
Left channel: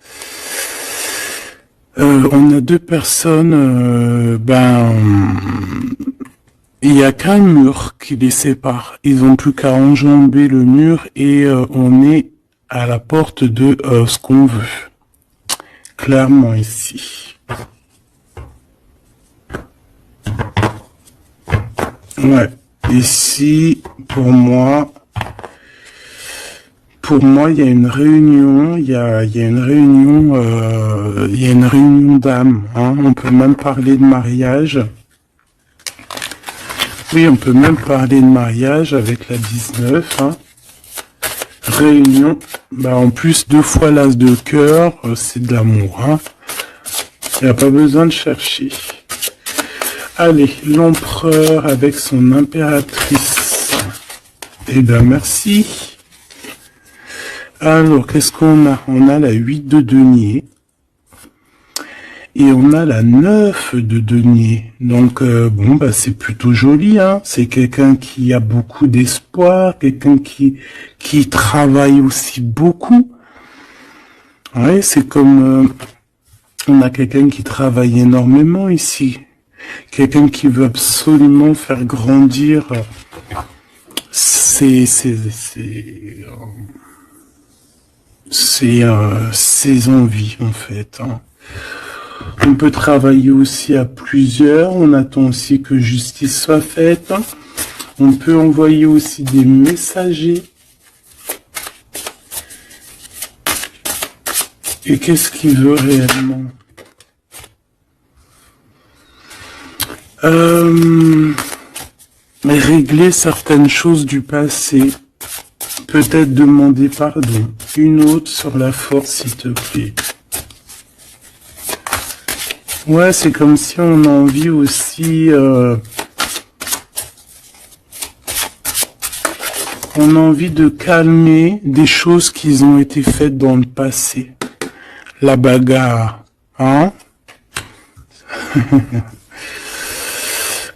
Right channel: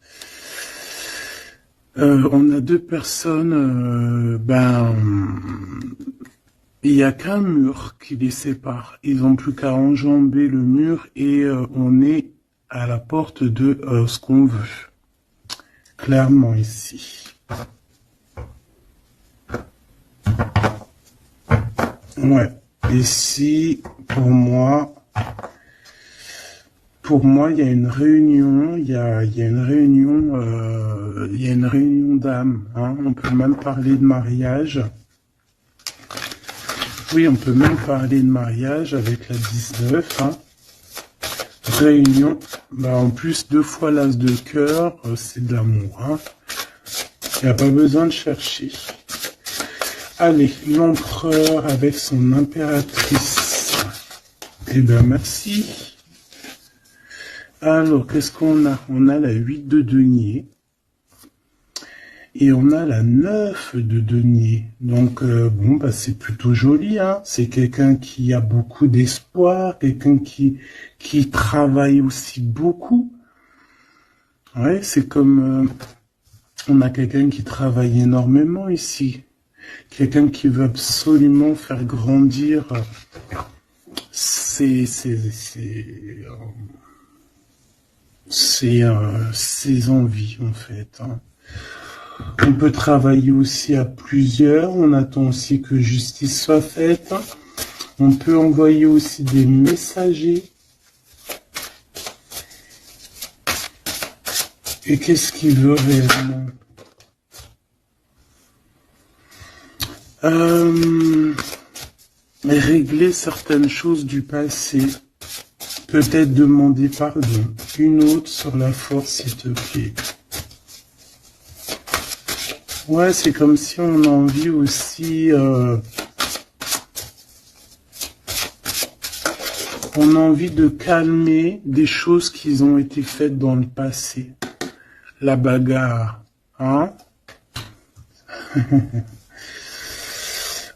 On a 2 personnes, il n'y a qu'un mur qui les sépare. Ils ont plus qu'à enjamber le mur et on est à la porte de ce qu'on veut. Clairement ici. Ouais. Ici, pour moi, il y a une réunion, il y a une réunion d'âmes. Hein. On peut même parler de mariage. Oui, on peut même parler de mariage avec la 19. Hein. Réunion. Bah, en plus, 2 fois l'as de cœur, c'est de l'amour. Hein. Il n'y a pas besoin de chercher. Allez, l'empereur avec son impératrice. Eh bien, merci. Alors, qu'est-ce qu'on a? On a la 8 de denier. Et on a la 9 de denier. Donc, bon, bah, c'est plutôt joli, hein. C'est quelqu'un qui a beaucoup d'espoir, quelqu'un qui travaille aussi beaucoup. Ouais, c'est comme, on a quelqu'un qui travaille énormément ici. Quelqu'un qui veut absolument faire grandir ses envies, en fait. Hein. On peut travailler aussi à plusieurs. On attend aussi que justice soit faite. On peut envoyer aussi des messagers. Et qu'est-ce qu'il veut réellement? Régler certaines choses du passé. Peut-être demander pardon. Une autre sur la force, s'il te plaît. Ouais, c'est comme si on a envie aussi... on a envie de calmer des choses qui ont été faites dans le passé. La bagarre, hein?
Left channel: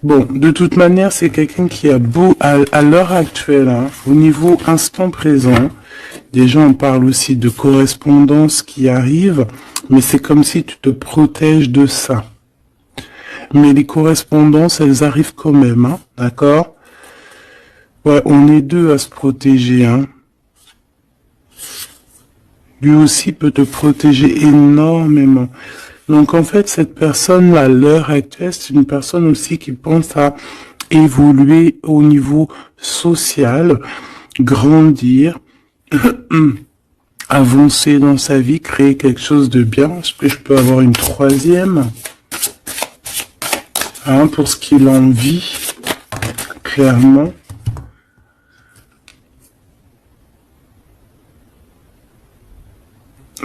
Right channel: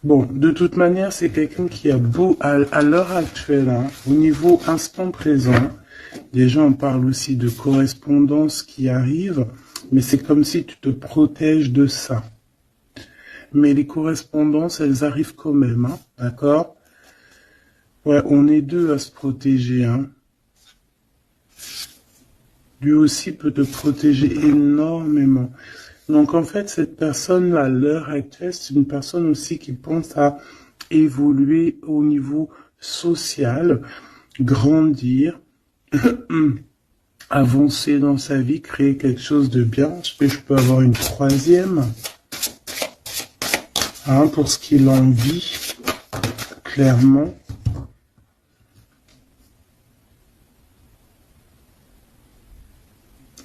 Bon, de toute manière, c'est quelqu'un qui a beau, à l'heure actuelle, hein, au niveau instant présent, déjà on parle aussi de correspondance qui arrive, mais c'est comme si tu te protèges de ça. Mais les correspondances, elles arrivent quand même, hein, d'accord? Ouais, on est deux à se protéger, hein. Lui aussi peut te protéger énormément. Donc en fait, cette personne-là, à l'heure actuelle, c'est une personne aussi qui pense à évoluer au niveau social, grandir, avancer dans sa vie, créer quelque chose de bien. Est-ce que je peux avoir une troisième? Hein, pour ce qu'il en vit, clairement.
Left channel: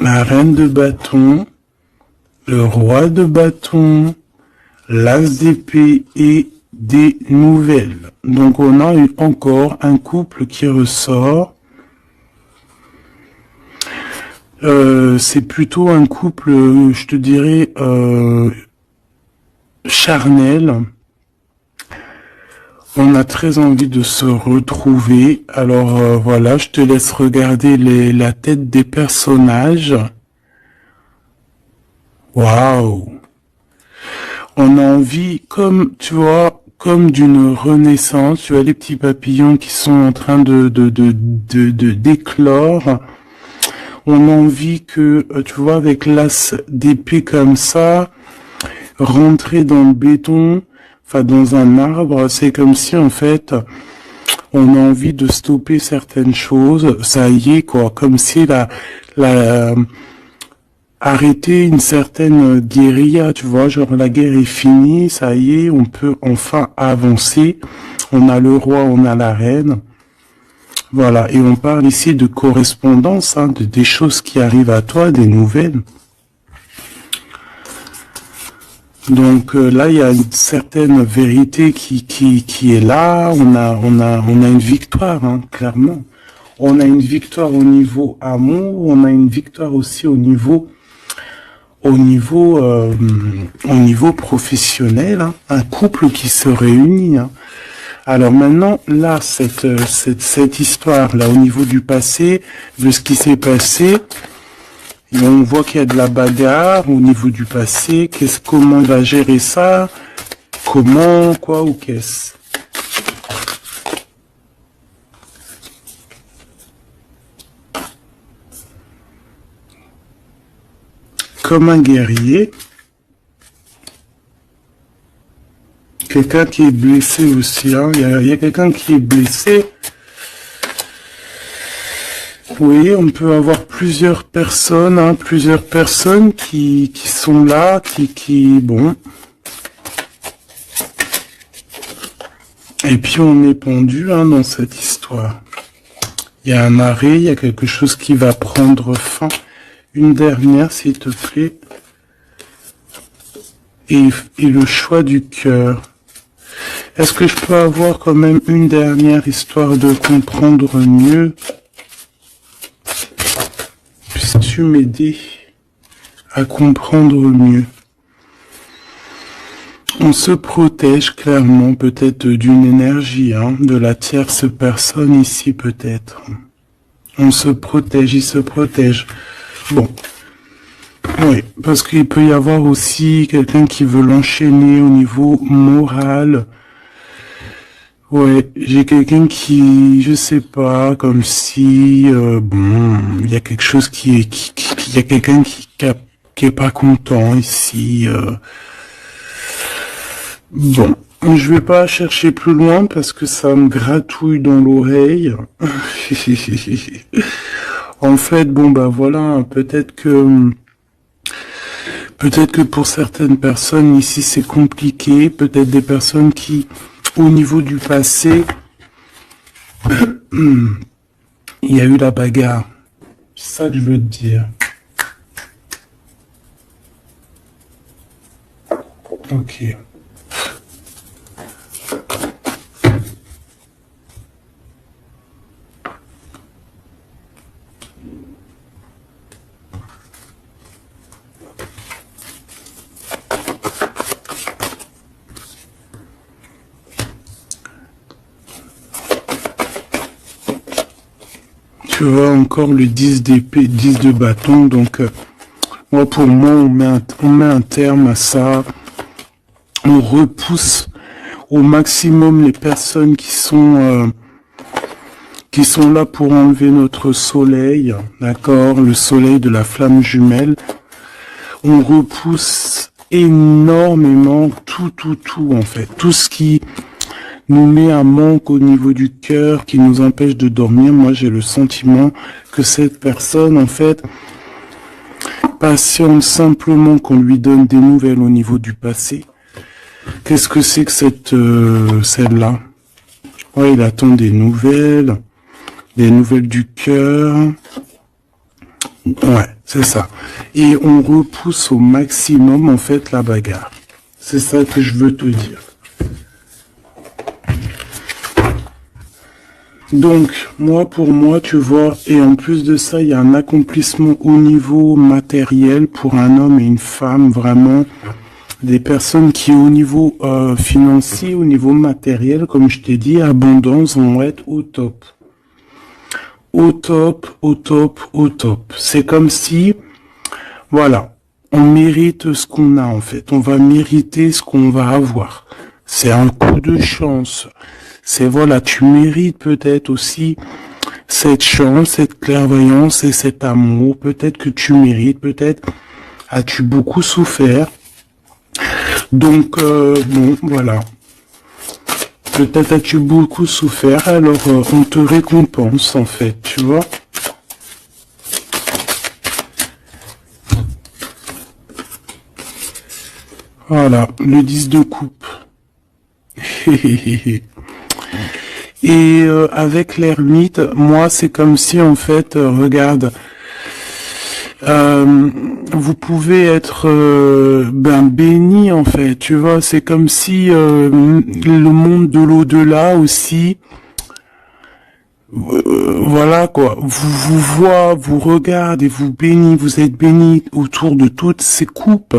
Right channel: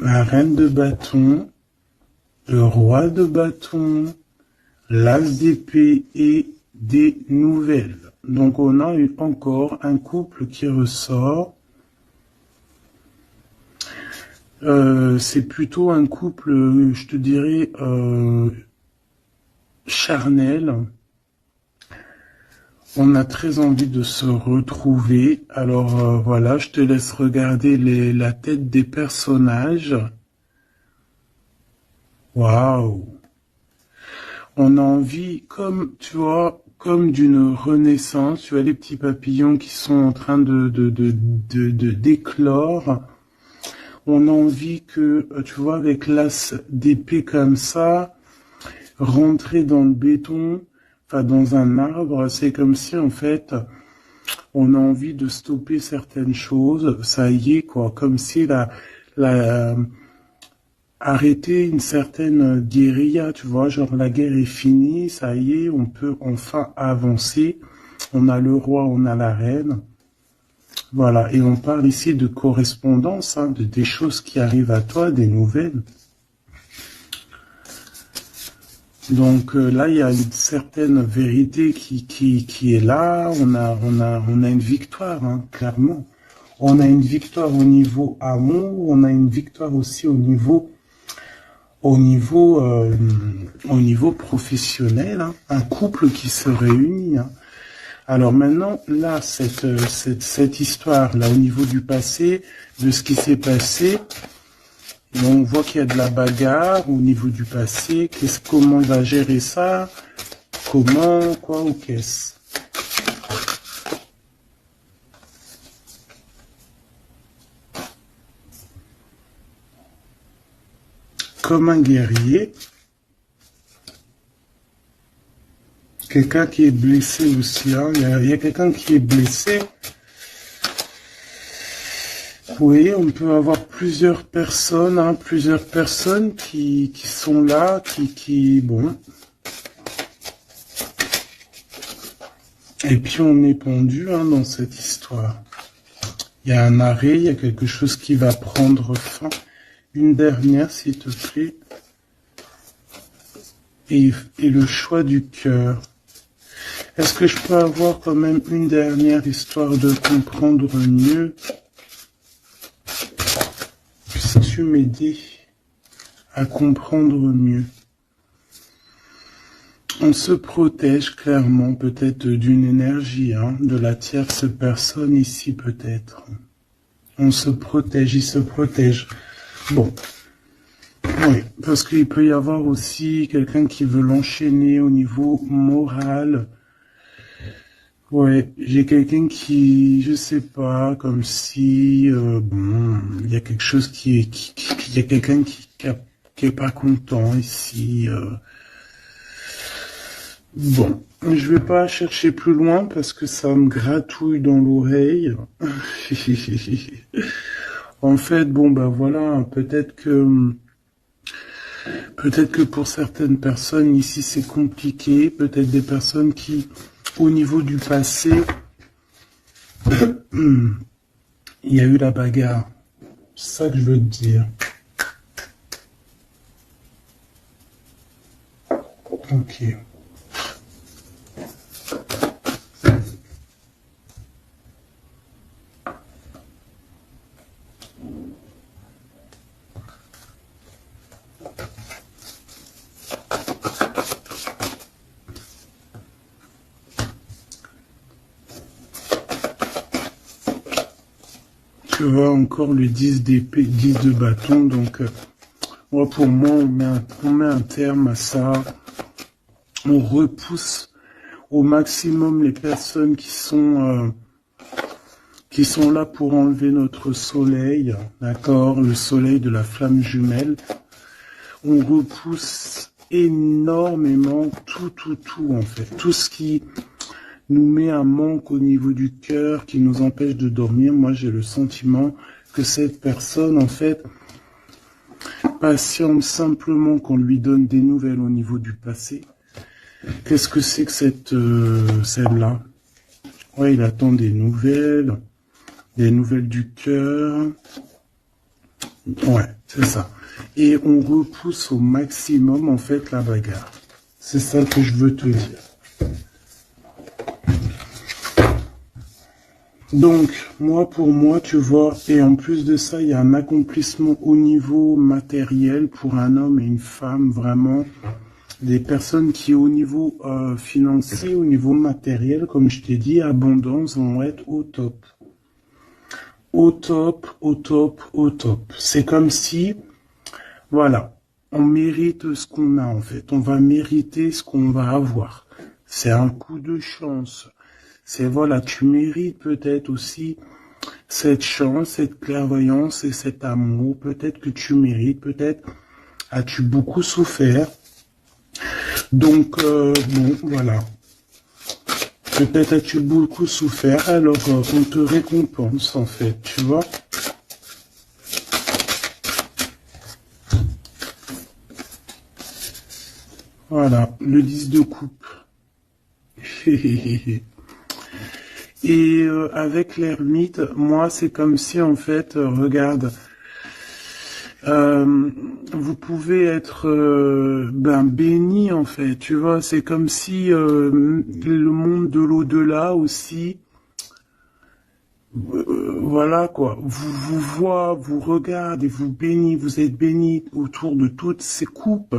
La reine de bâton, le roi de bâton, l'as d'épée et des nouvelles. Donc on a eu encore un couple qui ressort. C'est plutôt un couple, je te dirais, charnel. On a très envie de se retrouver. Alors voilà, je te laisse regarder la tête des personnages. Waouh! On a envie, comme tu vois, comme d'une renaissance. Tu vois les petits papillons qui sont en train de d'éclore. On a envie que, tu vois, avec l'as d'épée comme ça, rentrer dans le béton, enfin dans un arbre, c'est comme si en fait on a envie de stopper certaines choses, ça y est quoi, comme si arrêter une certaine guérilla, tu vois, genre la guerre est finie, ça y est, on peut enfin avancer, on a le roi, on a la reine, voilà, et on parle ici de correspondance, hein, des choses qui arrivent à toi, des nouvelles. Donc là, il y a une certaine vérité qui est là. On a une victoire, hein, clairement. On a une victoire au niveau amour. On a une victoire aussi au niveau professionnel. Hein, un couple qui se réunit. Hein. Alors maintenant, là, cette histoire là au niveau du passé, de ce qui s'est passé. Et on voit qu'il y a de la bagarre au niveau du passé. Comment on va gérer ça? Comment, quoi ou qu'est-ce? Comme un guerrier. Quelqu'un qui est blessé aussi. Hein. Il y a quelqu'un qui est blessé. Oui, on peut avoir plusieurs personnes, hein, qui sont là, bon. Et puis on est pendu, hein, dans cette histoire. Il y a un arrêt, il y a quelque chose qui va prendre fin. Une dernière, s'il te plaît. Et le choix du cœur. Est-ce que je peux avoir quand même une dernière histoire de comprendre mieux? Puisses-tu m'aider à comprendre mieux? On se protège clairement peut-être d'une énergie, hein, de la tierce personne ici peut-être. On se protège, il se protège. Bon. Oui, parce qu'il peut y avoir aussi quelqu'un qui veut l'enchaîner au niveau moral. Ouais, j'ai quelqu'un qui, je sais pas, comme si, bon, il y a quelque chose il y a quelqu'un qui qui est pas content ici. Bon, je vais pas chercher plus loin parce que ça me gratouille dans l'oreille. En fait, bon bah voilà, peut-être que pour certaines personnes ici c'est compliqué, peut-être des personnes qui, au niveau du passé, il y a eu la bagarre. C'est ça que je veux te dire. Ok. Tu vois encore le 10 d'épée, 10 de bâton, donc moi pour moi on met un terme à ça, on repousse au maximum les personnes qui sont là pour enlever notre soleil, d'accord, le soleil de la flamme jumelle. On repousse énormément tout en fait, tout ce qui nous met un manque au niveau du cœur, qui nous empêche de dormir. Moi j'ai le sentiment que cette personne en fait patiente simplement qu'on lui donne des nouvelles au niveau du passé. Qu'est-ce que c'est que celle-là? Ouais, il attend des nouvelles du cœur. Ouais, c'est ça. Et on repousse au maximum, en fait, la bagarre. C'est ça que je veux te dire. Donc, pour moi, tu vois, et en plus de ça, il y a un accomplissement au niveau matériel pour un homme et une femme, vraiment. Des personnes qui, au niveau financier, au niveau matériel, comme je t'ai dit, abondance, vont être au top. Au top, au top, au top. C'est comme si, voilà, on mérite ce qu'on a en fait. On va mériter ce qu'on va avoir. C'est un coup de chance. C'est voilà, tu mérites peut-être aussi cette chance, cette clairvoyance et cet amour. Peut-être que tu mérites, peut-être as-tu beaucoup souffert. Donc, bon, voilà. Peut-être as-tu beaucoup souffert, alors on te récompense, en fait, tu vois. Voilà, le 10 de coupe. Et avec l'ermite, moi, c'est comme si, en fait, regarde, vous pouvez être béni en fait, tu vois, c'est comme si le monde de l'au-delà aussi, voilà quoi, vous voit, vous regarde et vous bénit, vous êtes béni autour de toutes ces coupes,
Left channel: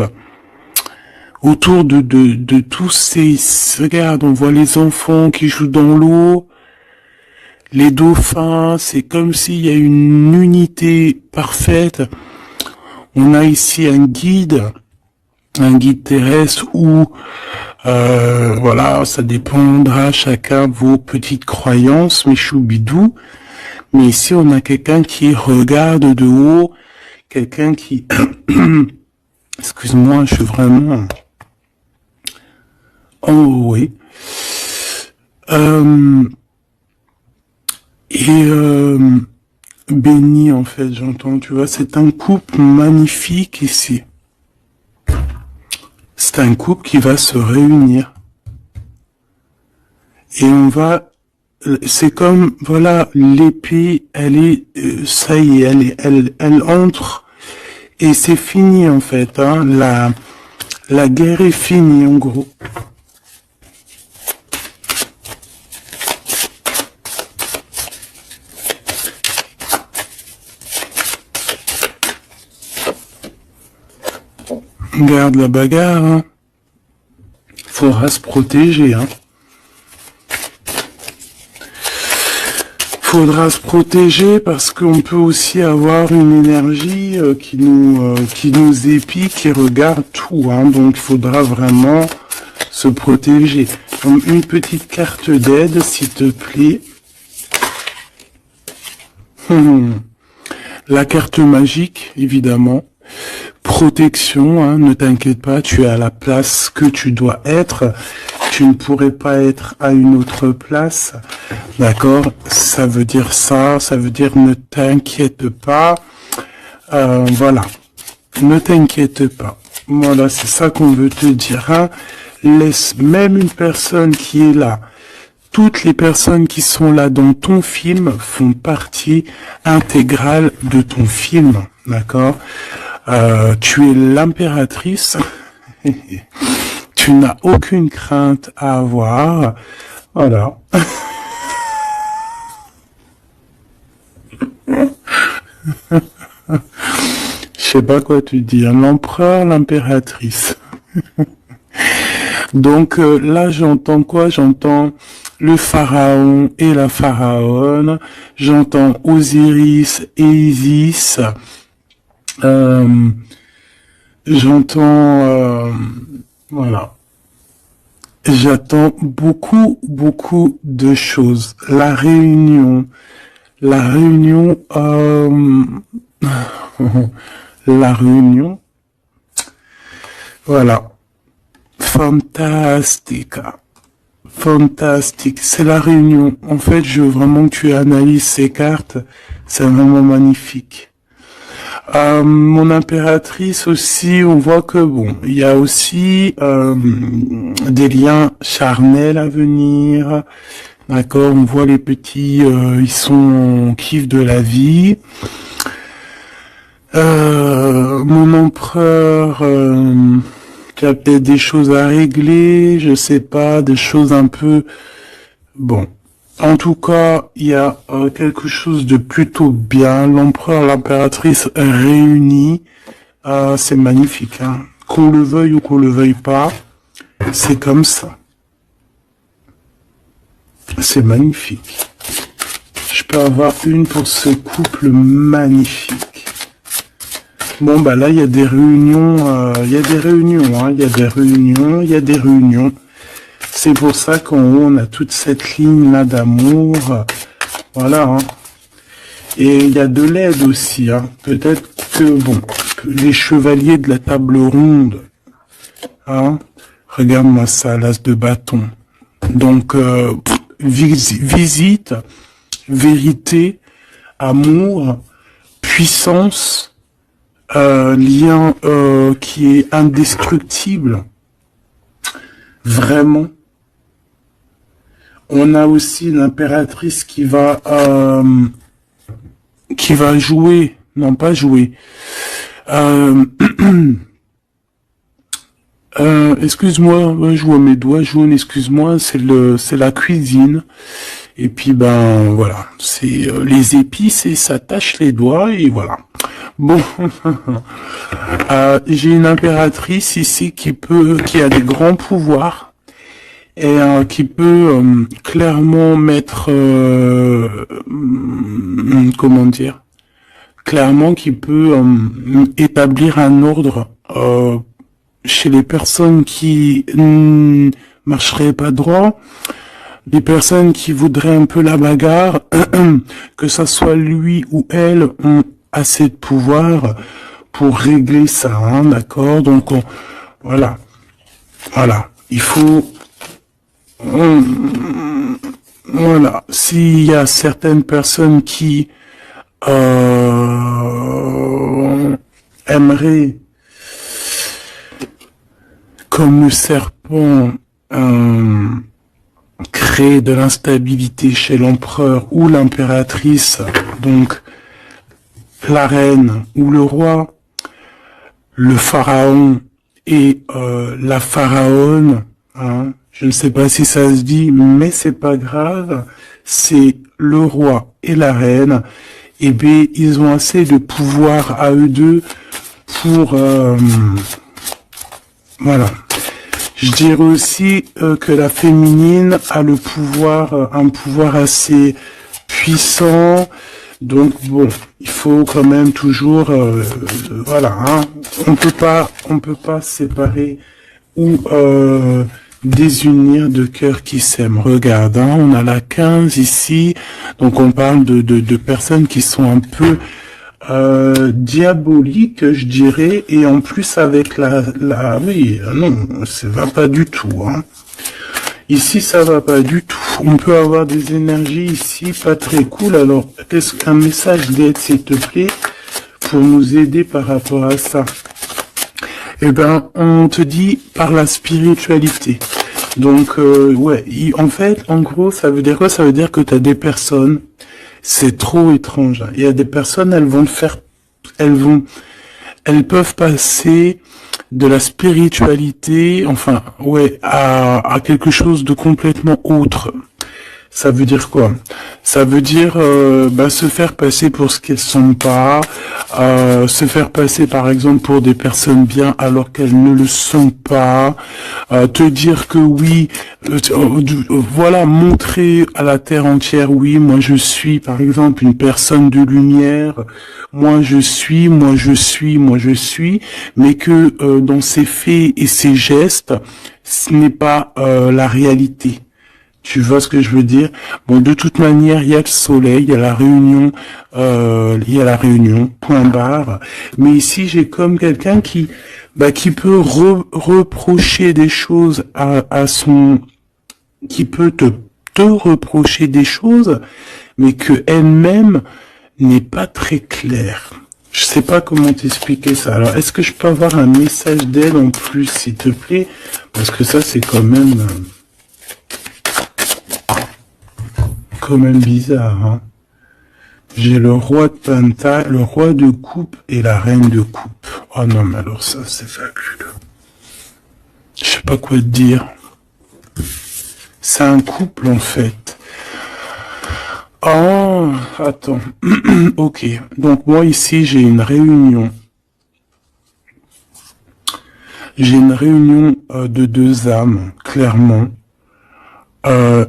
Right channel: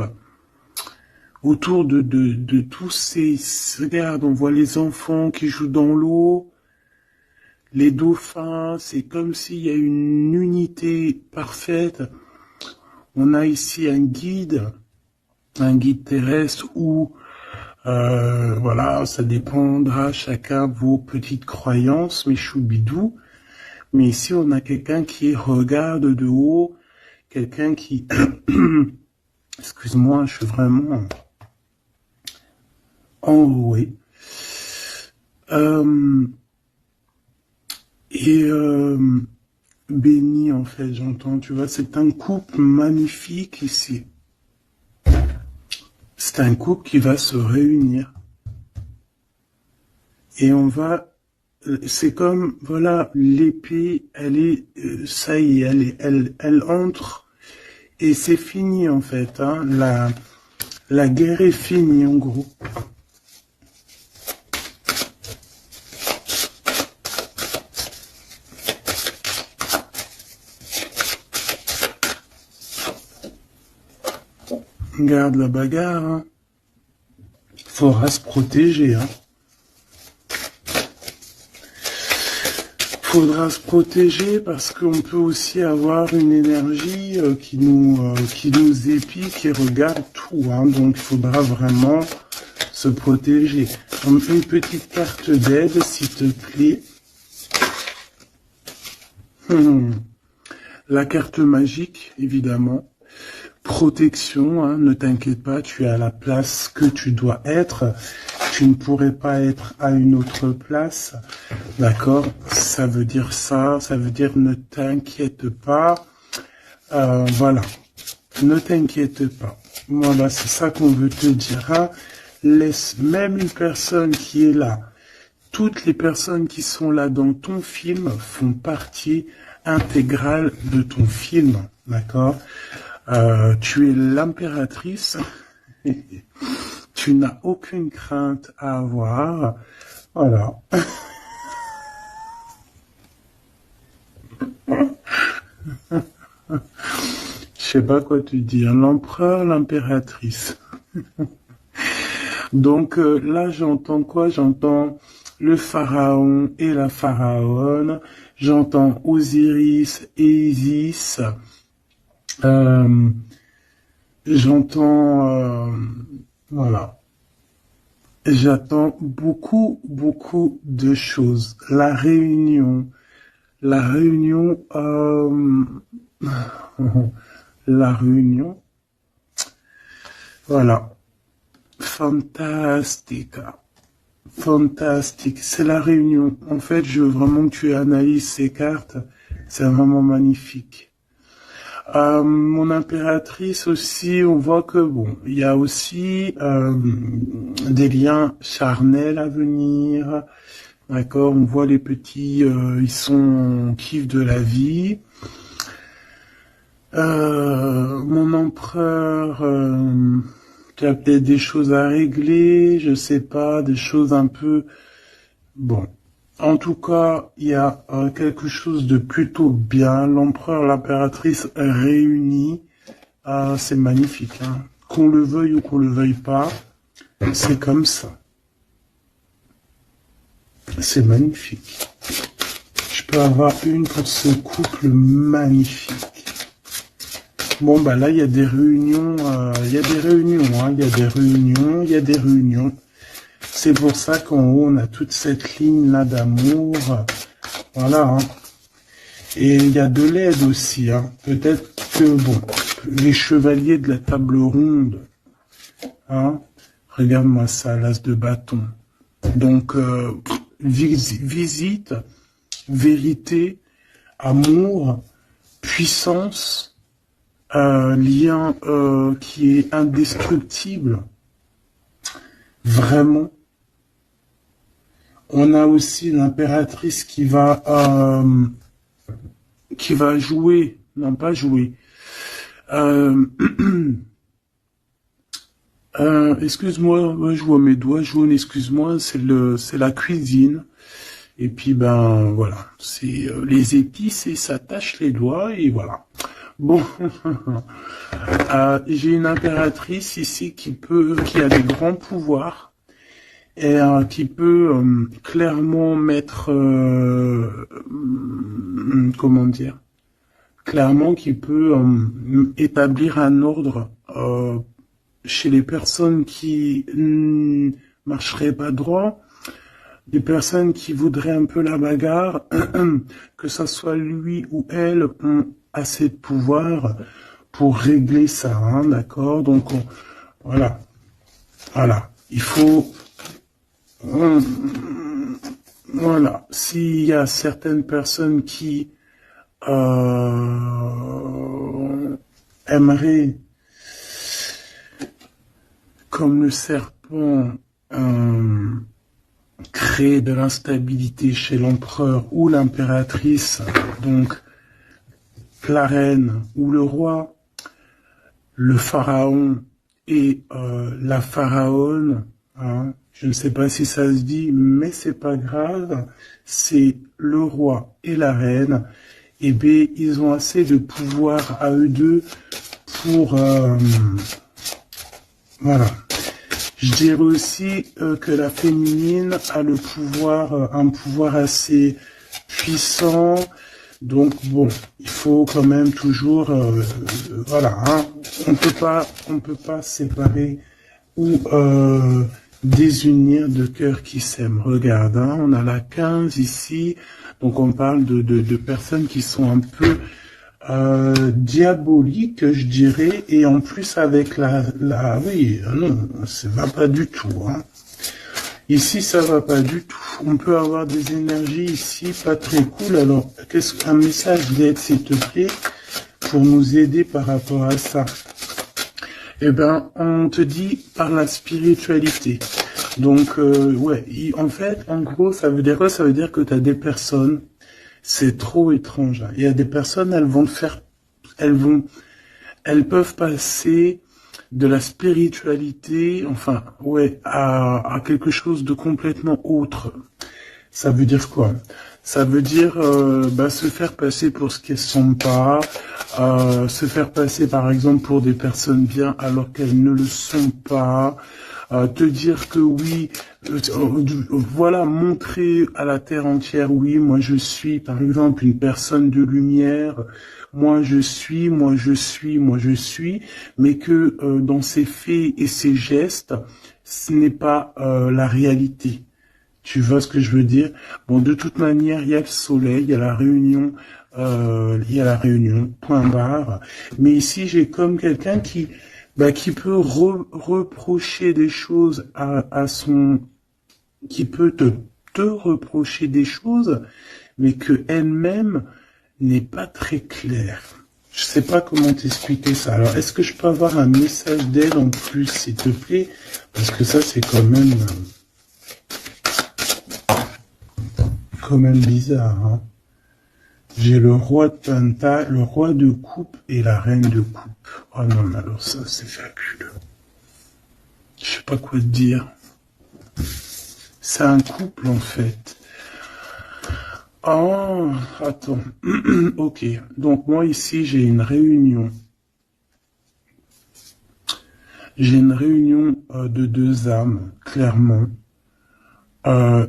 autour de tous ces, regarde, on voit les enfants qui jouent dans l'eau, les dauphins, c'est comme s'il y a une unité parfaite. On a ici un guide terrestre où, voilà, ça dépendra chacun de vos petites croyances, mes choubidous. Mais ici, on a quelqu'un qui regarde de haut, quelqu'un qui, excuse-moi, je suis vraiment, oh oui, béni en fait, j'entends, tu vois, c'est un couple magnifique ici. C'est un couple qui va se réunir. Et on va, c'est comme, voilà, l'épée, elle est, ça y est, elle entre, et c'est fini en fait, hein, la guerre est finie en gros. Regarde la bagarre, hein. Faudra se protéger, hein. Faudra se protéger parce qu'on peut aussi avoir une énergie qui nous épie, qui regarde tout, hein. Donc il faudra vraiment se protéger. Donc une petite carte d'aide, s'il te plaît. La carte magique, évidemment. protection, hein, ne t'inquiète pas, tu es à la place que tu dois être. Tu ne pourrais pas être à une autre place. D'accord? Ça veut dire ça, ça veut dire ne t'inquiète pas. Voilà. Ne t'inquiète pas. Voilà, c'est ça qu'on veut te dire. Hein. Laisse même une personne qui est là. Toutes les personnes qui sont là dans ton film font partie intégrale de ton film. D'accord? Tu es l'impératrice. Tu n'as aucune crainte à avoir. Voilà. Je sais pas quoi te dire. L'empereur, l'impératrice. Donc là, j'entends quoi? J'entends le pharaon et la pharaone. J'entends Osiris et Isis. J'entends... voilà. J'attends beaucoup, beaucoup de choses. La réunion. La réunion... la réunion. Voilà. Fantastique. Fantastique. C'est la réunion. En fait, je veux vraiment que tu analyses ces cartes. C'est vraiment magnifique. Mon impératrice aussi, on voit que bon, il y a aussi des liens charnels à venir. D'accord, on voit les petits, ils sont kiff de la vie. Mon empereur, tu as peut-être des choses à régler, je sais pas, des choses un peu... Bon, en tout cas, il y a quelque chose de plutôt bien. L'empereur, l'impératrice réunis, c'est magnifique. Hein. Qu'on le veuille ou qu'on le veuille pas, c'est comme ça. C'est magnifique. Je peux avoir une pour ce couple magnifique. Bon, bah là, il y a des réunions, il y a des réunions, hein, il y a des réunions, il y a des réunions. C'est pour ça qu'on a toute cette ligne-là d'amour. Voilà. Hein. Et il y a de l'aide aussi. Hein. Peut-être que, bon, les chevaliers de la table ronde, hein, regarde-moi ça, l'as de bâton. Donc, visite, vérité, amour, puissance, lien qui est indestructible. Vraiment. On a aussi l'impératrice qui va jouer, non pas jouer. Excuse-moi, je vois mes doigts jaunes, excuse-moi, c'est la cuisine. Et puis ben voilà, c'est les épices et ça tâche les doigts et voilà. Bon, j'ai une impératrice ici qui a des grands pouvoirs et qui peut clairement mettre, comment dire, clairement qui peut établir un ordre chez les personnes qui marcheraient pas droit, les personnes qui voudraient un peu la bagarre, que ça soit lui ou elle, ont assez de pouvoir pour régler ça, hein, d'accord? Donc voilà, il faut, voilà, s'il y a certaines personnes qui aimeraient, comme le serpent, créer de l'instabilité chez l'empereur ou l'impératrice, donc la reine ou le roi, le pharaon et la pharaone, hein, je ne sais pas si ça se dit, mais c'est pas grave, c'est le roi et la reine, et bien ils ont assez de pouvoir à eux deux pour voilà. Je dirais aussi que la féminine a le pouvoir, un pouvoir assez puissant. Donc bon, il faut quand même toujours, voilà, hein, on peut pas séparer ou désunir deux cœurs qui s'aiment. Regarde, hein, on a la 15 ici, donc on parle de personnes qui sont un peu diabolique, je dirais, et en plus avec oui, non, ça va pas du tout, hein. Ici, ça va pas du tout. On peut avoir des énergies ici pas très cool. Alors, qu'est-ce qu'un message d'aide, s'il te plaît, pour nous aider par rapport à ça? Eh ben, on te dit par la spiritualité. Donc, ouais, en fait, en gros, ça veut dire quoi? Ça veut dire que tu as des personnes, c'est trop étrange, hein. Il y a des personnes, elles peuvent passer de la spiritualité, enfin, ouais, à quelque chose de complètement autre. Ça veut dire quoi? Ça veut dire se faire passer pour ce qu'elles sont pas, se faire passer par exemple pour des personnes bien alors qu'elles ne le sont pas, te dire que oui, voilà, montrer à la terre entière, oui, moi je suis par exemple une personne de lumière, moi je suis, moi je suis, moi je suis, mais que dans ses faits et ses gestes, ce n'est pas la réalité. Tu vois ce que je veux dire? Bon, de toute manière, il y a le soleil, il y a la réunion, point barre. Mais ici, j'ai comme quelqu'un qui peut reprocher des choses qui peut te reprocher des choses, mais que elle-même n'est pas très claire. Je sais pas comment t'expliquer ça. Alors, est-ce que je peux avoir un message d'elle en plus, s'il te plaît? Parce que ça, c'est quand même bizarre, hein. J'ai le roi de pentacle, le roi de coupe et la reine de coupe. Oh non, mais alors ça, c'est fabuleux. Je sais pas quoi te dire. C'est un couple, en fait. Oh, attends. Ok. Donc, moi, ici, j'ai une réunion. J'ai une réunion de deux âmes, clairement.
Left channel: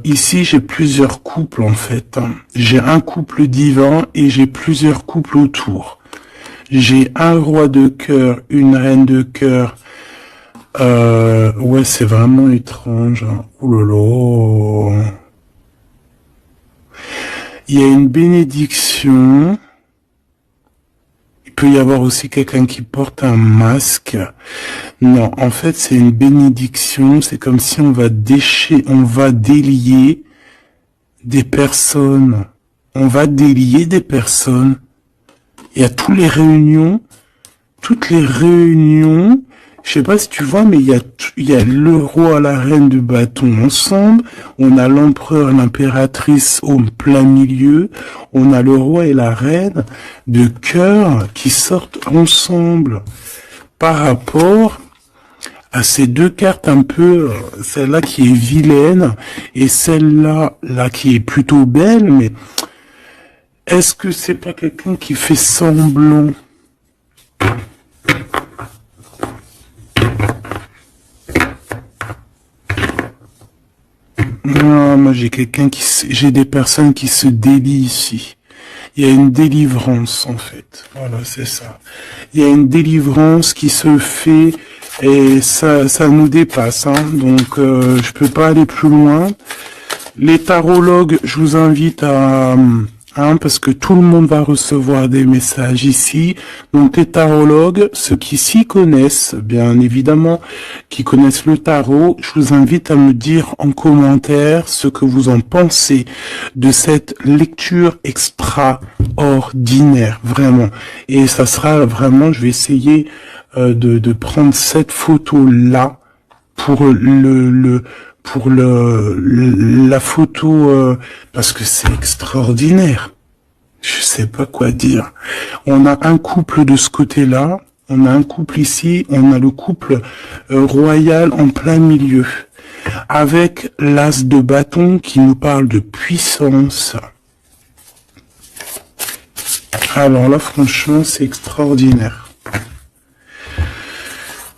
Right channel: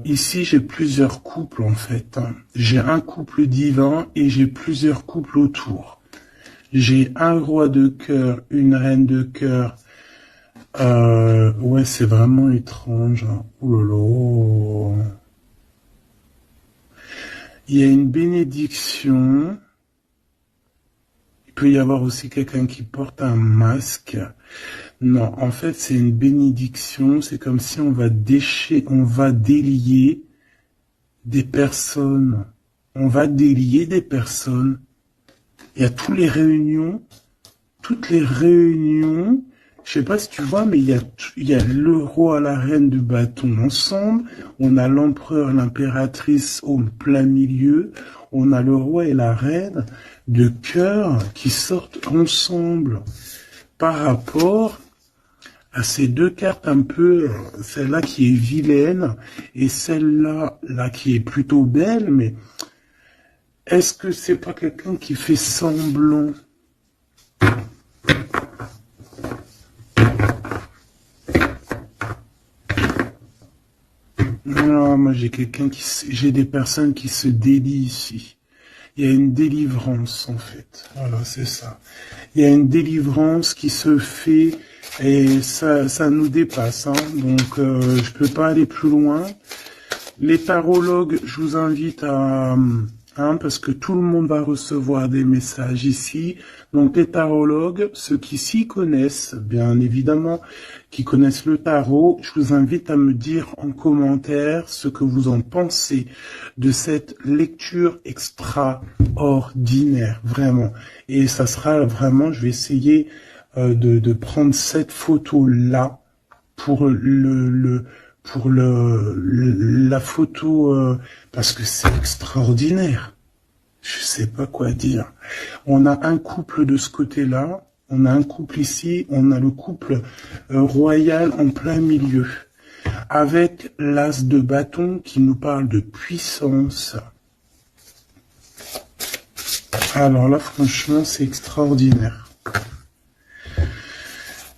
Ici, j'ai plusieurs couples en fait, hein. J'ai un couple divin et j'ai plusieurs couples autour. J'ai un roi de cœur, une reine de cœur. Ouais, c'est vraiment étrange, hein. Oh là là. Il y a une bénédiction. Il peut y avoir aussi quelqu'un qui porte un masque. Non, en fait, c'est une bénédiction. C'est comme si on va délier des personnes. On va délier des personnes. Il y a toutes les réunions. Je sais pas si tu vois, mais il y a le roi, la reine de bâton ensemble. On a l'empereur, l'impératrice au plein milieu. On a le roi et la reine de cœur qui sortent ensemble par rapport à ces deux cartes un peu, celle-là qui est vilaine et celle-là qui est plutôt belle, mais est-ce que c'est pas quelqu'un qui fait semblant? Non, moi j'ai des personnes qui se délient ici. Il y a une délivrance en fait. Voilà, c'est ça. Il y a une délivrance qui se fait et ça nous dépasse, hein. Donc je peux pas aller plus loin. Les tarologues, je vous invite parce que tout le monde va recevoir des messages ici. Donc les tarologues, ceux qui s'y connaissent, bien évidemment, qui connaissent le tarot, je vous invite à me dire en commentaire ce que vous en pensez de cette lecture extraordinaire, vraiment. Et ça sera vraiment, je vais essayer de prendre cette photo-là pour la photo parce que c'est extraordinaire. Je sais pas quoi dire. On a un couple de ce côté-là, on a un couple ici, on a le couple royal en plein milieu, avec l'as de bâton qui nous parle de puissance. Alors là, franchement, c'est extraordinaire.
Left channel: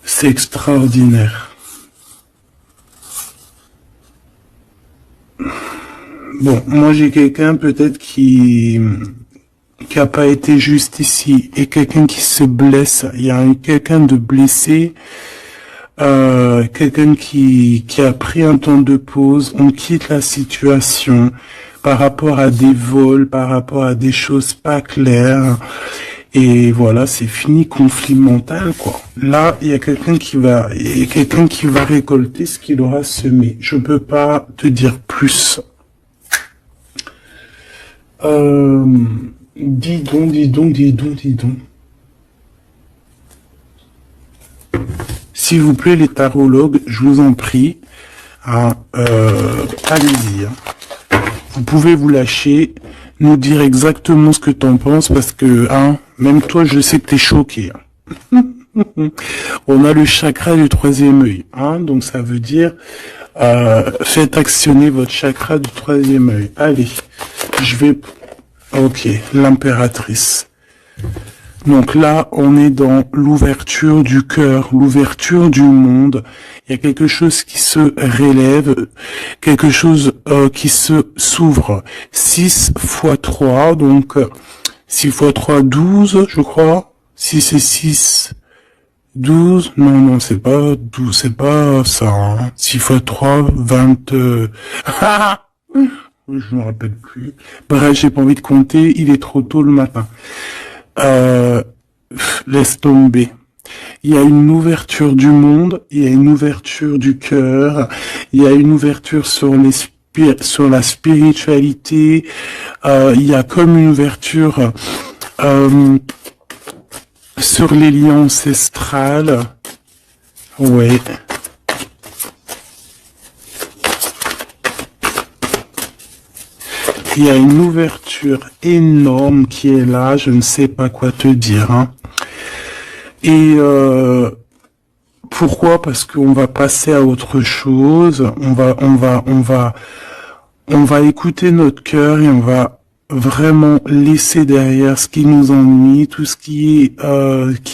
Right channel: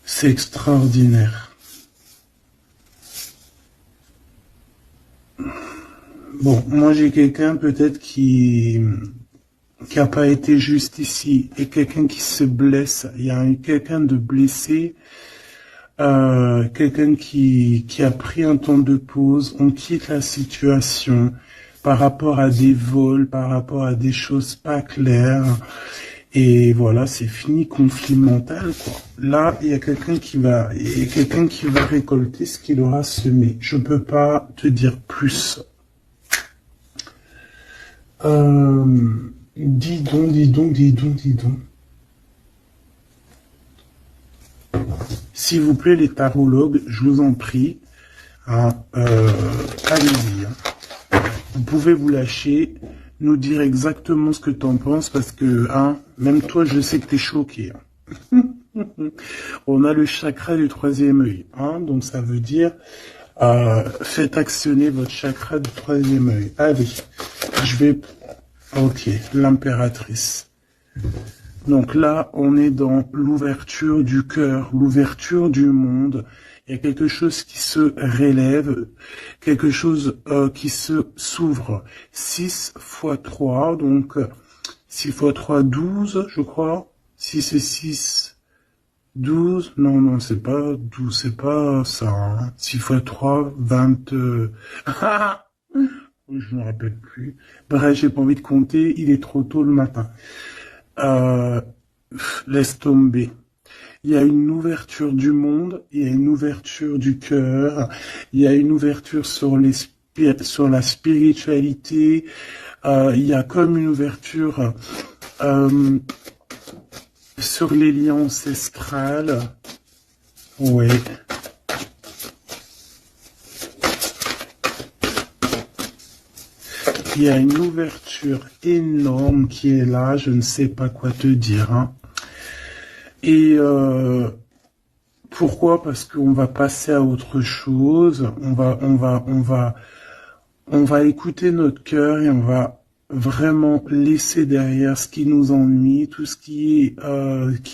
C'est extraordinaire. Bon, moi j'ai quelqu'un peut-être qui a pas été juste ici et quelqu'un qui se blesse. Il y a quelqu'un de blessé, quelqu'un qui a pris un temps de pause. On quitte la situation par rapport à des vols, par rapport à des choses pas claires. Et voilà, c'est fini, conflit mental, quoi. Là, il y a quelqu'un qui va récolter ce qu'il aura semé. Je peux pas te dire plus. Dis donc, dis donc, dis donc, dis donc. S'il vous plaît, les tarologues, je vous en prie, allez-y. Vous pouvez vous lâcher, nous dire exactement ce que t'en penses, parce que, même toi, je sais que t'es choqué. On a le chakra du troisième œil, donc ça veut dire, faites actionner votre chakra du troisième œil. Allez, ok, l'impératrice. Donc là, on est dans l'ouverture du cœur, l'ouverture du monde. Il y a quelque chose qui se relève, quelque chose qui s'ouvre. 6 fois 3, donc 6 fois 3, 12, je crois. 6 et 6, 12. Non, c'est pas 12, c'est pas ça. 6 fois 3, 20... Je me rappelle plus. Bref, j'ai pas envie de compter, il est trop tôt le matin. Laisse tomber. Il y a une ouverture du monde, il y a une ouverture du cœur, il y a une ouverture sur la spiritualité, il y a comme une ouverture sur les liens ancestrales. Ouais. Il y a une ouverture énorme qui est là, je ne sais pas quoi te dire. Et pourquoi? Parce qu'on va passer à autre chose. On va écouter notre cœur et on va vraiment laisser derrière ce qui nous ennuie, tout ce qui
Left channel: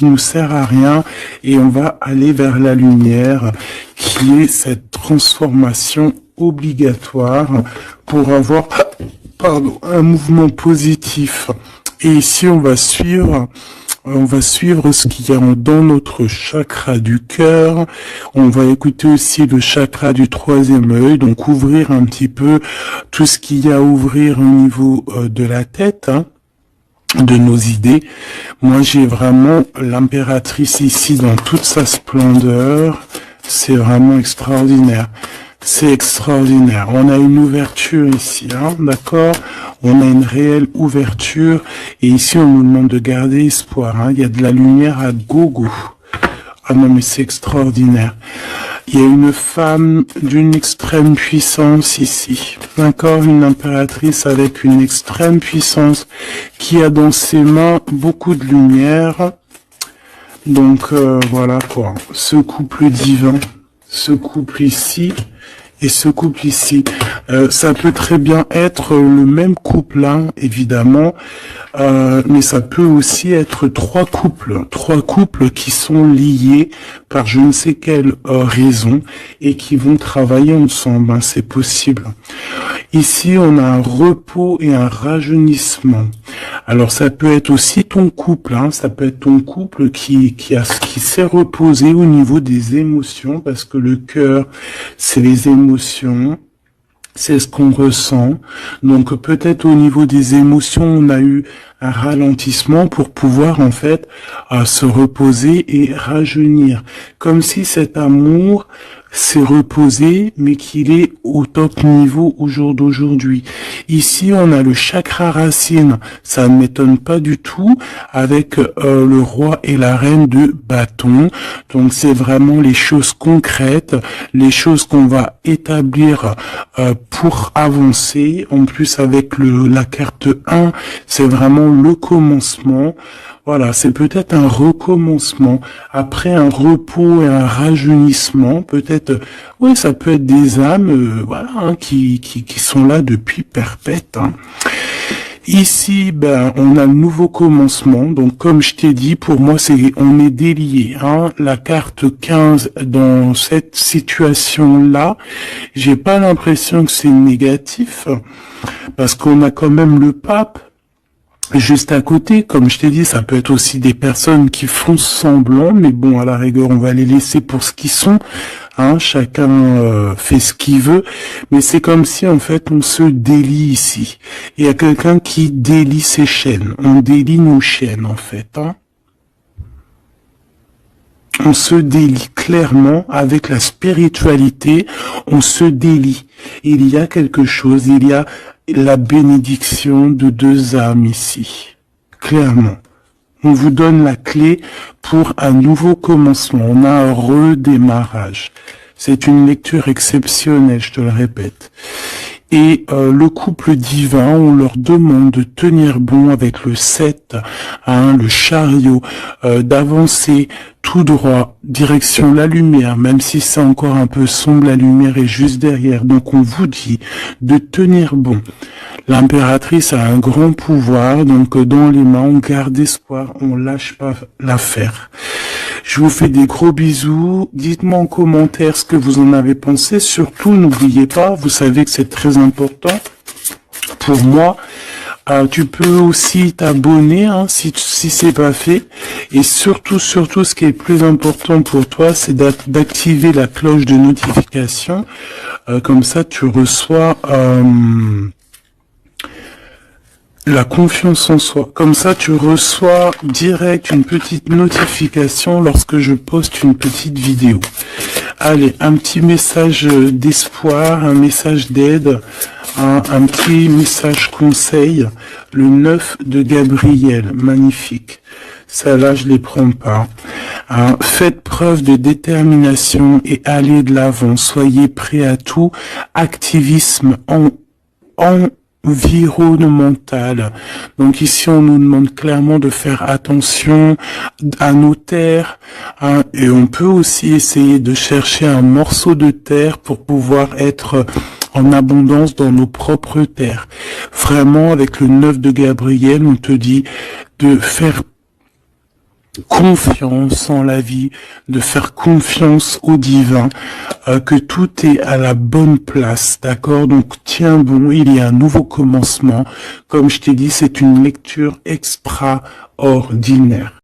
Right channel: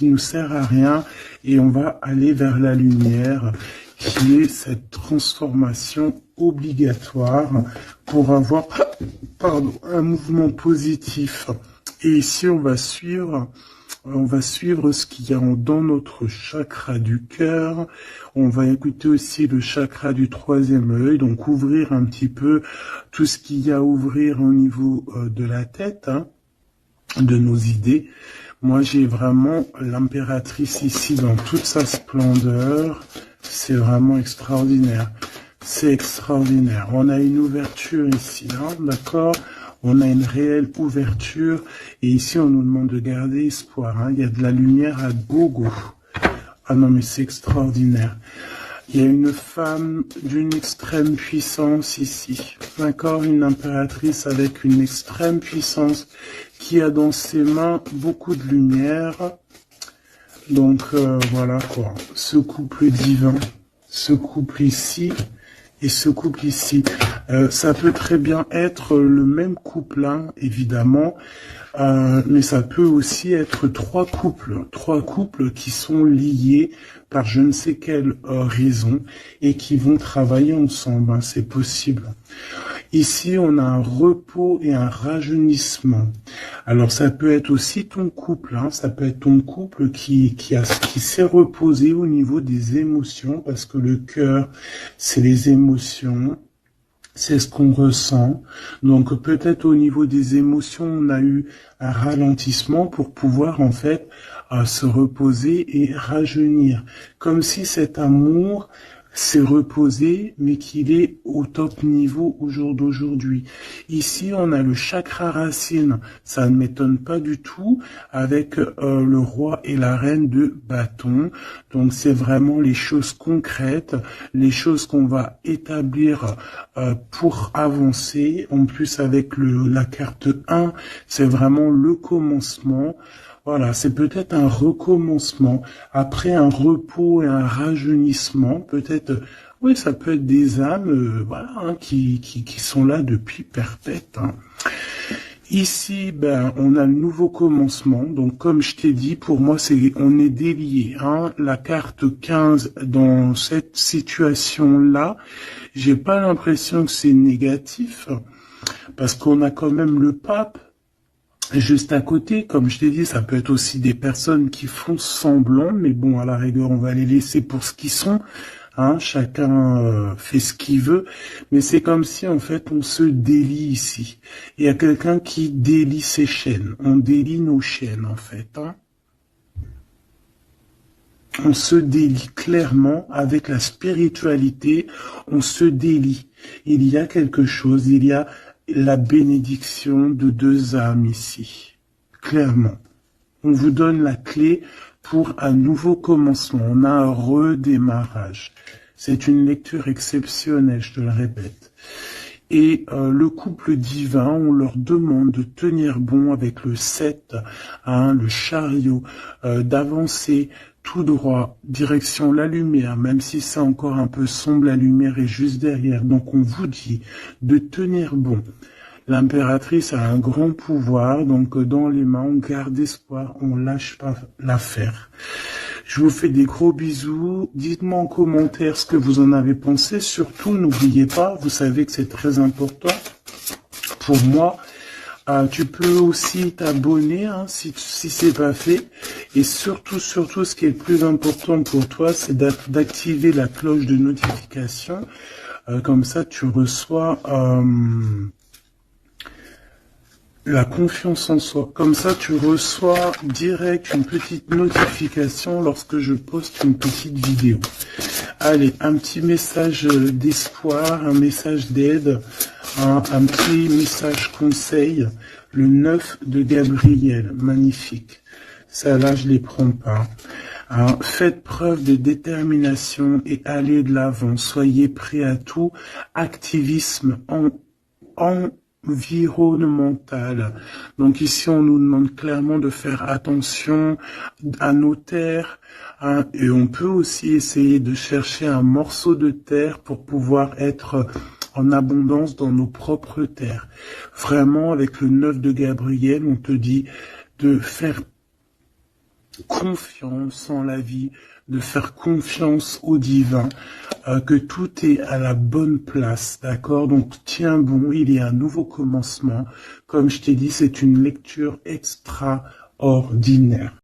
nous sert à rien, et on va aller vers la lumière, qui est cette transformation obligatoire pour avoir, un mouvement positif. Et ici, on va suivre ce qu'il y a dans notre chakra du cœur. On va écouter aussi le chakra du troisième œil, donc ouvrir un petit peu tout ce qu'il y a à ouvrir au niveau de la tête, de nos idées. Moi, j'ai vraiment l'impératrice ici dans toute sa splendeur. C'est vraiment extraordinaire. C'est extraordinaire. On a une ouverture ici, d'accord? On a une réelle ouverture. Et ici, on nous demande de garder espoir. Il y a de la lumière à gogo. Ah non, mais c'est extraordinaire. Il y a une femme d'une extrême puissance ici. D'accord? Une impératrice avec une extrême puissance qui a dans ses mains beaucoup de lumière. Donc, voilà quoi. Ce couple divin, ce couple ici, et ce couple ici, ça peut très bien être le même couple, évidemment, mais ça peut aussi être trois couples qui sont liés par je ne sais quelle raison et qui vont travailler ensemble, c'est possible. Ici, on a un repos et un rajeunissement. Alors, ça peut être aussi ton couple, ça peut être ton couple qui s'est reposé au niveau des émotions, parce que le cœur, c'est les émotions, c'est ce qu'on ressent. Donc, peut-être au niveau des émotions, on a eu un ralentissement pour pouvoir, en fait, se reposer et rajeunir. Comme si cet amour s'est reposé, mais qu'il est au top niveau au jour d'aujourd'hui. Ici, on a le chakra racine, ça ne m'étonne pas du tout, avec le roi et la reine de bâton. Donc, c'est vraiment les choses concrètes, les choses qu'on va établir pour avancer. En plus, avec la carte 1, c'est vraiment le commencement. Voilà, c'est peut-être un recommencement, après un repos et un rajeunissement, peut-être, ouais, ça peut être des âmes, qui sont là depuis perpète. Ici, on a le nouveau commencement, donc comme je t'ai dit, pour moi, on est délié, La carte 15, dans cette situation-là, j'ai pas l'impression que c'est négatif, parce qu'on a quand même le pape, Juste à côté, comme je t'ai dit, ça peut être aussi des personnes qui font semblant, mais bon, à la rigueur, on va les laisser pour ce qu'ils sont. Hein, chacun fait ce qu'il veut, mais c'est comme si en fait on se délie ici. Il y a quelqu'un qui délie ses chaînes. On délie nos chaînes en fait. Hein. On se délie clairement avec la spiritualité. On se délie. Il y a quelque chose. Il y a la bénédiction de deux âmes ici. Clairement. On vous donne la clé pour un nouveau commencement. On a un redémarrage. C'est une lecture exceptionnelle, je te le répète. Et le couple divin, on leur demande de tenir bon avec le 7, hein, le chariot, d'avancer tout droit, direction la lumière, même si c'est encore un peu sombre, la lumière est juste derrière. Donc on vous dit de tenir bon. L'impératrice a un grand pouvoir, donc dans les mains, on garde espoir, on lâche pas l'affaire. Je vous fais des gros bisous. Dites-moi en commentaire ce que vous en avez pensé. Surtout, n'oubliez pas, vous savez que c'est très important pour moi. Tu peux aussi t'abonner hein, si c'est pas fait. Et surtout, ce qui est le plus important pour toi, c'est d'activer la cloche de notification. Comme ça, tu reçois... la confiance en soi. Comme ça, tu reçois direct une petite notification lorsque je poste une petite vidéo. Allez, un petit message d'espoir, un message d'aide, un petit message conseil. Le 9 de Gabriel, magnifique. Ça là, je les prends pas. Faites preuve de détermination et allez de l'avant. Soyez prêts à tout. Activisme environnementale. Donc ici, on nous demande clairement de faire attention à nos terres, hein, et on peut aussi essayer de chercher un morceau de terre pour pouvoir être en abondance dans nos propres terres. Vraiment, avec le 9 de Gabriel, on te dit de faire confiance en la vie, de faire confiance au divin, que tout est à la bonne place, d'accord? Donc tiens bon, il y a un nouveau commencement. Comme je t'ai dit, c'est une lecture extraordinaire.